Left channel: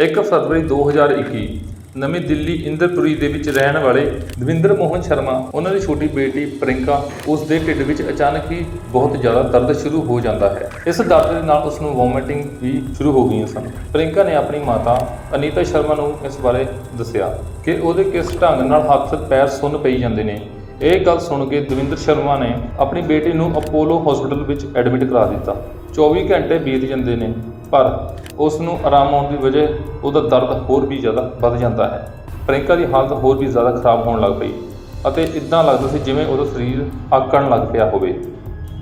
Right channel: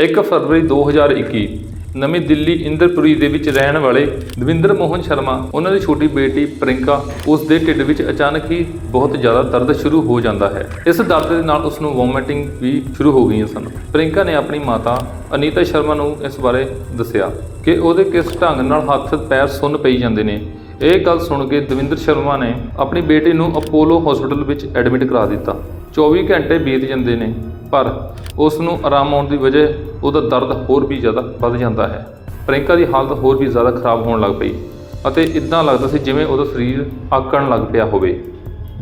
1 ਫਰਵਰੀ 2021 ਨਵੀਂ ਦਿੱਲੀ ਇੰਦਰਪੁਰੀ ਦੇ ਵਿੱਚ ਰਹਿਣ ਵਾਲੇ ਦਵਿੰਦਰ ਮੋਹਨ ਸ਼ਰਮਾ, ਉਹਨਾਂ ਦੀ ਛੋਟੀ ਬੇਟੀ ਪ੍ਰਿੰਕਾ ਉਸ ਦੇ ਢਿੱਡ ਵਿੱਚ ਅਚਾਨਕ ਹੀ ਬਹੁਤ ਜ਼ਿਆਦਾ ਦਰਦ ਸ਼ੁਰੂ ਹੋ ਜਾਂਦਾ ਹੈ। ਇਸ ਦਰਦ ਦੇ ਨਾਲ ਉਸ ਨੂੰ ਵੋਮਿਟਿੰਗ ਵੀ ਸ਼ੁਰੂ ਹੋ ਗਈਆਂ ਸਨ। ਪ੍ਰਿੰਕਾ ਨੇ ਆਪਣੀ ਮਾਤਾ ਅਨੀਤਾ ਸ਼ਰਮਾ ਨੂੰ ਇਸ ਬਾਰੇ ਦੱਸਿਆ ਕਿ ਉਹਦੇ ਕਿਸ ਢੰਗ ਨਾਲ ਹੱਥ, ਪੈਰ ਸੁੰਨ ਪਈ ਜਾਂਦੇ ਨੇ। ਇਹ ਗੱਲ ਸੁਣ ਕੇ ਦਵਿੰਦਰ ਸ਼ਰਮਾ ਨੇ ਆਪਣੀ ਬੇਟੀ ਨੂੰ ਅਪੋਲੋ ਹਸਪੀਟਲ ਵਿੱਚ ਐਡਮਿਟ ਕਰਾ ਦਿੱਤਾ। 24 ਘੰਟੇ ਬੀਤ ਜਾਂਦੇ ਨੇ। ਪਰ ਉਸ ਨੂੰ ਆਰਾਮ ਆਉਣ ਦੀ ਵਜ੍ਹਾ ਉਹਦਾ ਦਰਦ ਹੋਰ ਵੀ ਜ਼ਿਆਦਾ ਵੱਧ ਜਾਂਦਾ ਹੈ। ਪ੍ਰਿੰਕਾ ਦੀ ਹਾਲਤ ਹੋਰ ਵੀ ਜ਼ਿਆਦਾ ਖਰਾਬ ਹੋਣ ਲੱਗ ਪਈ ਅਤੇ ਇਦਾਂ ਲੱਗਦਾ ਸੀ ਜਿਵੇਂ ਉਹਦਾ ਸਰੀਰ ਆਕਣ ਲੱਗ ਪਿਆ ਹੋਵੇ।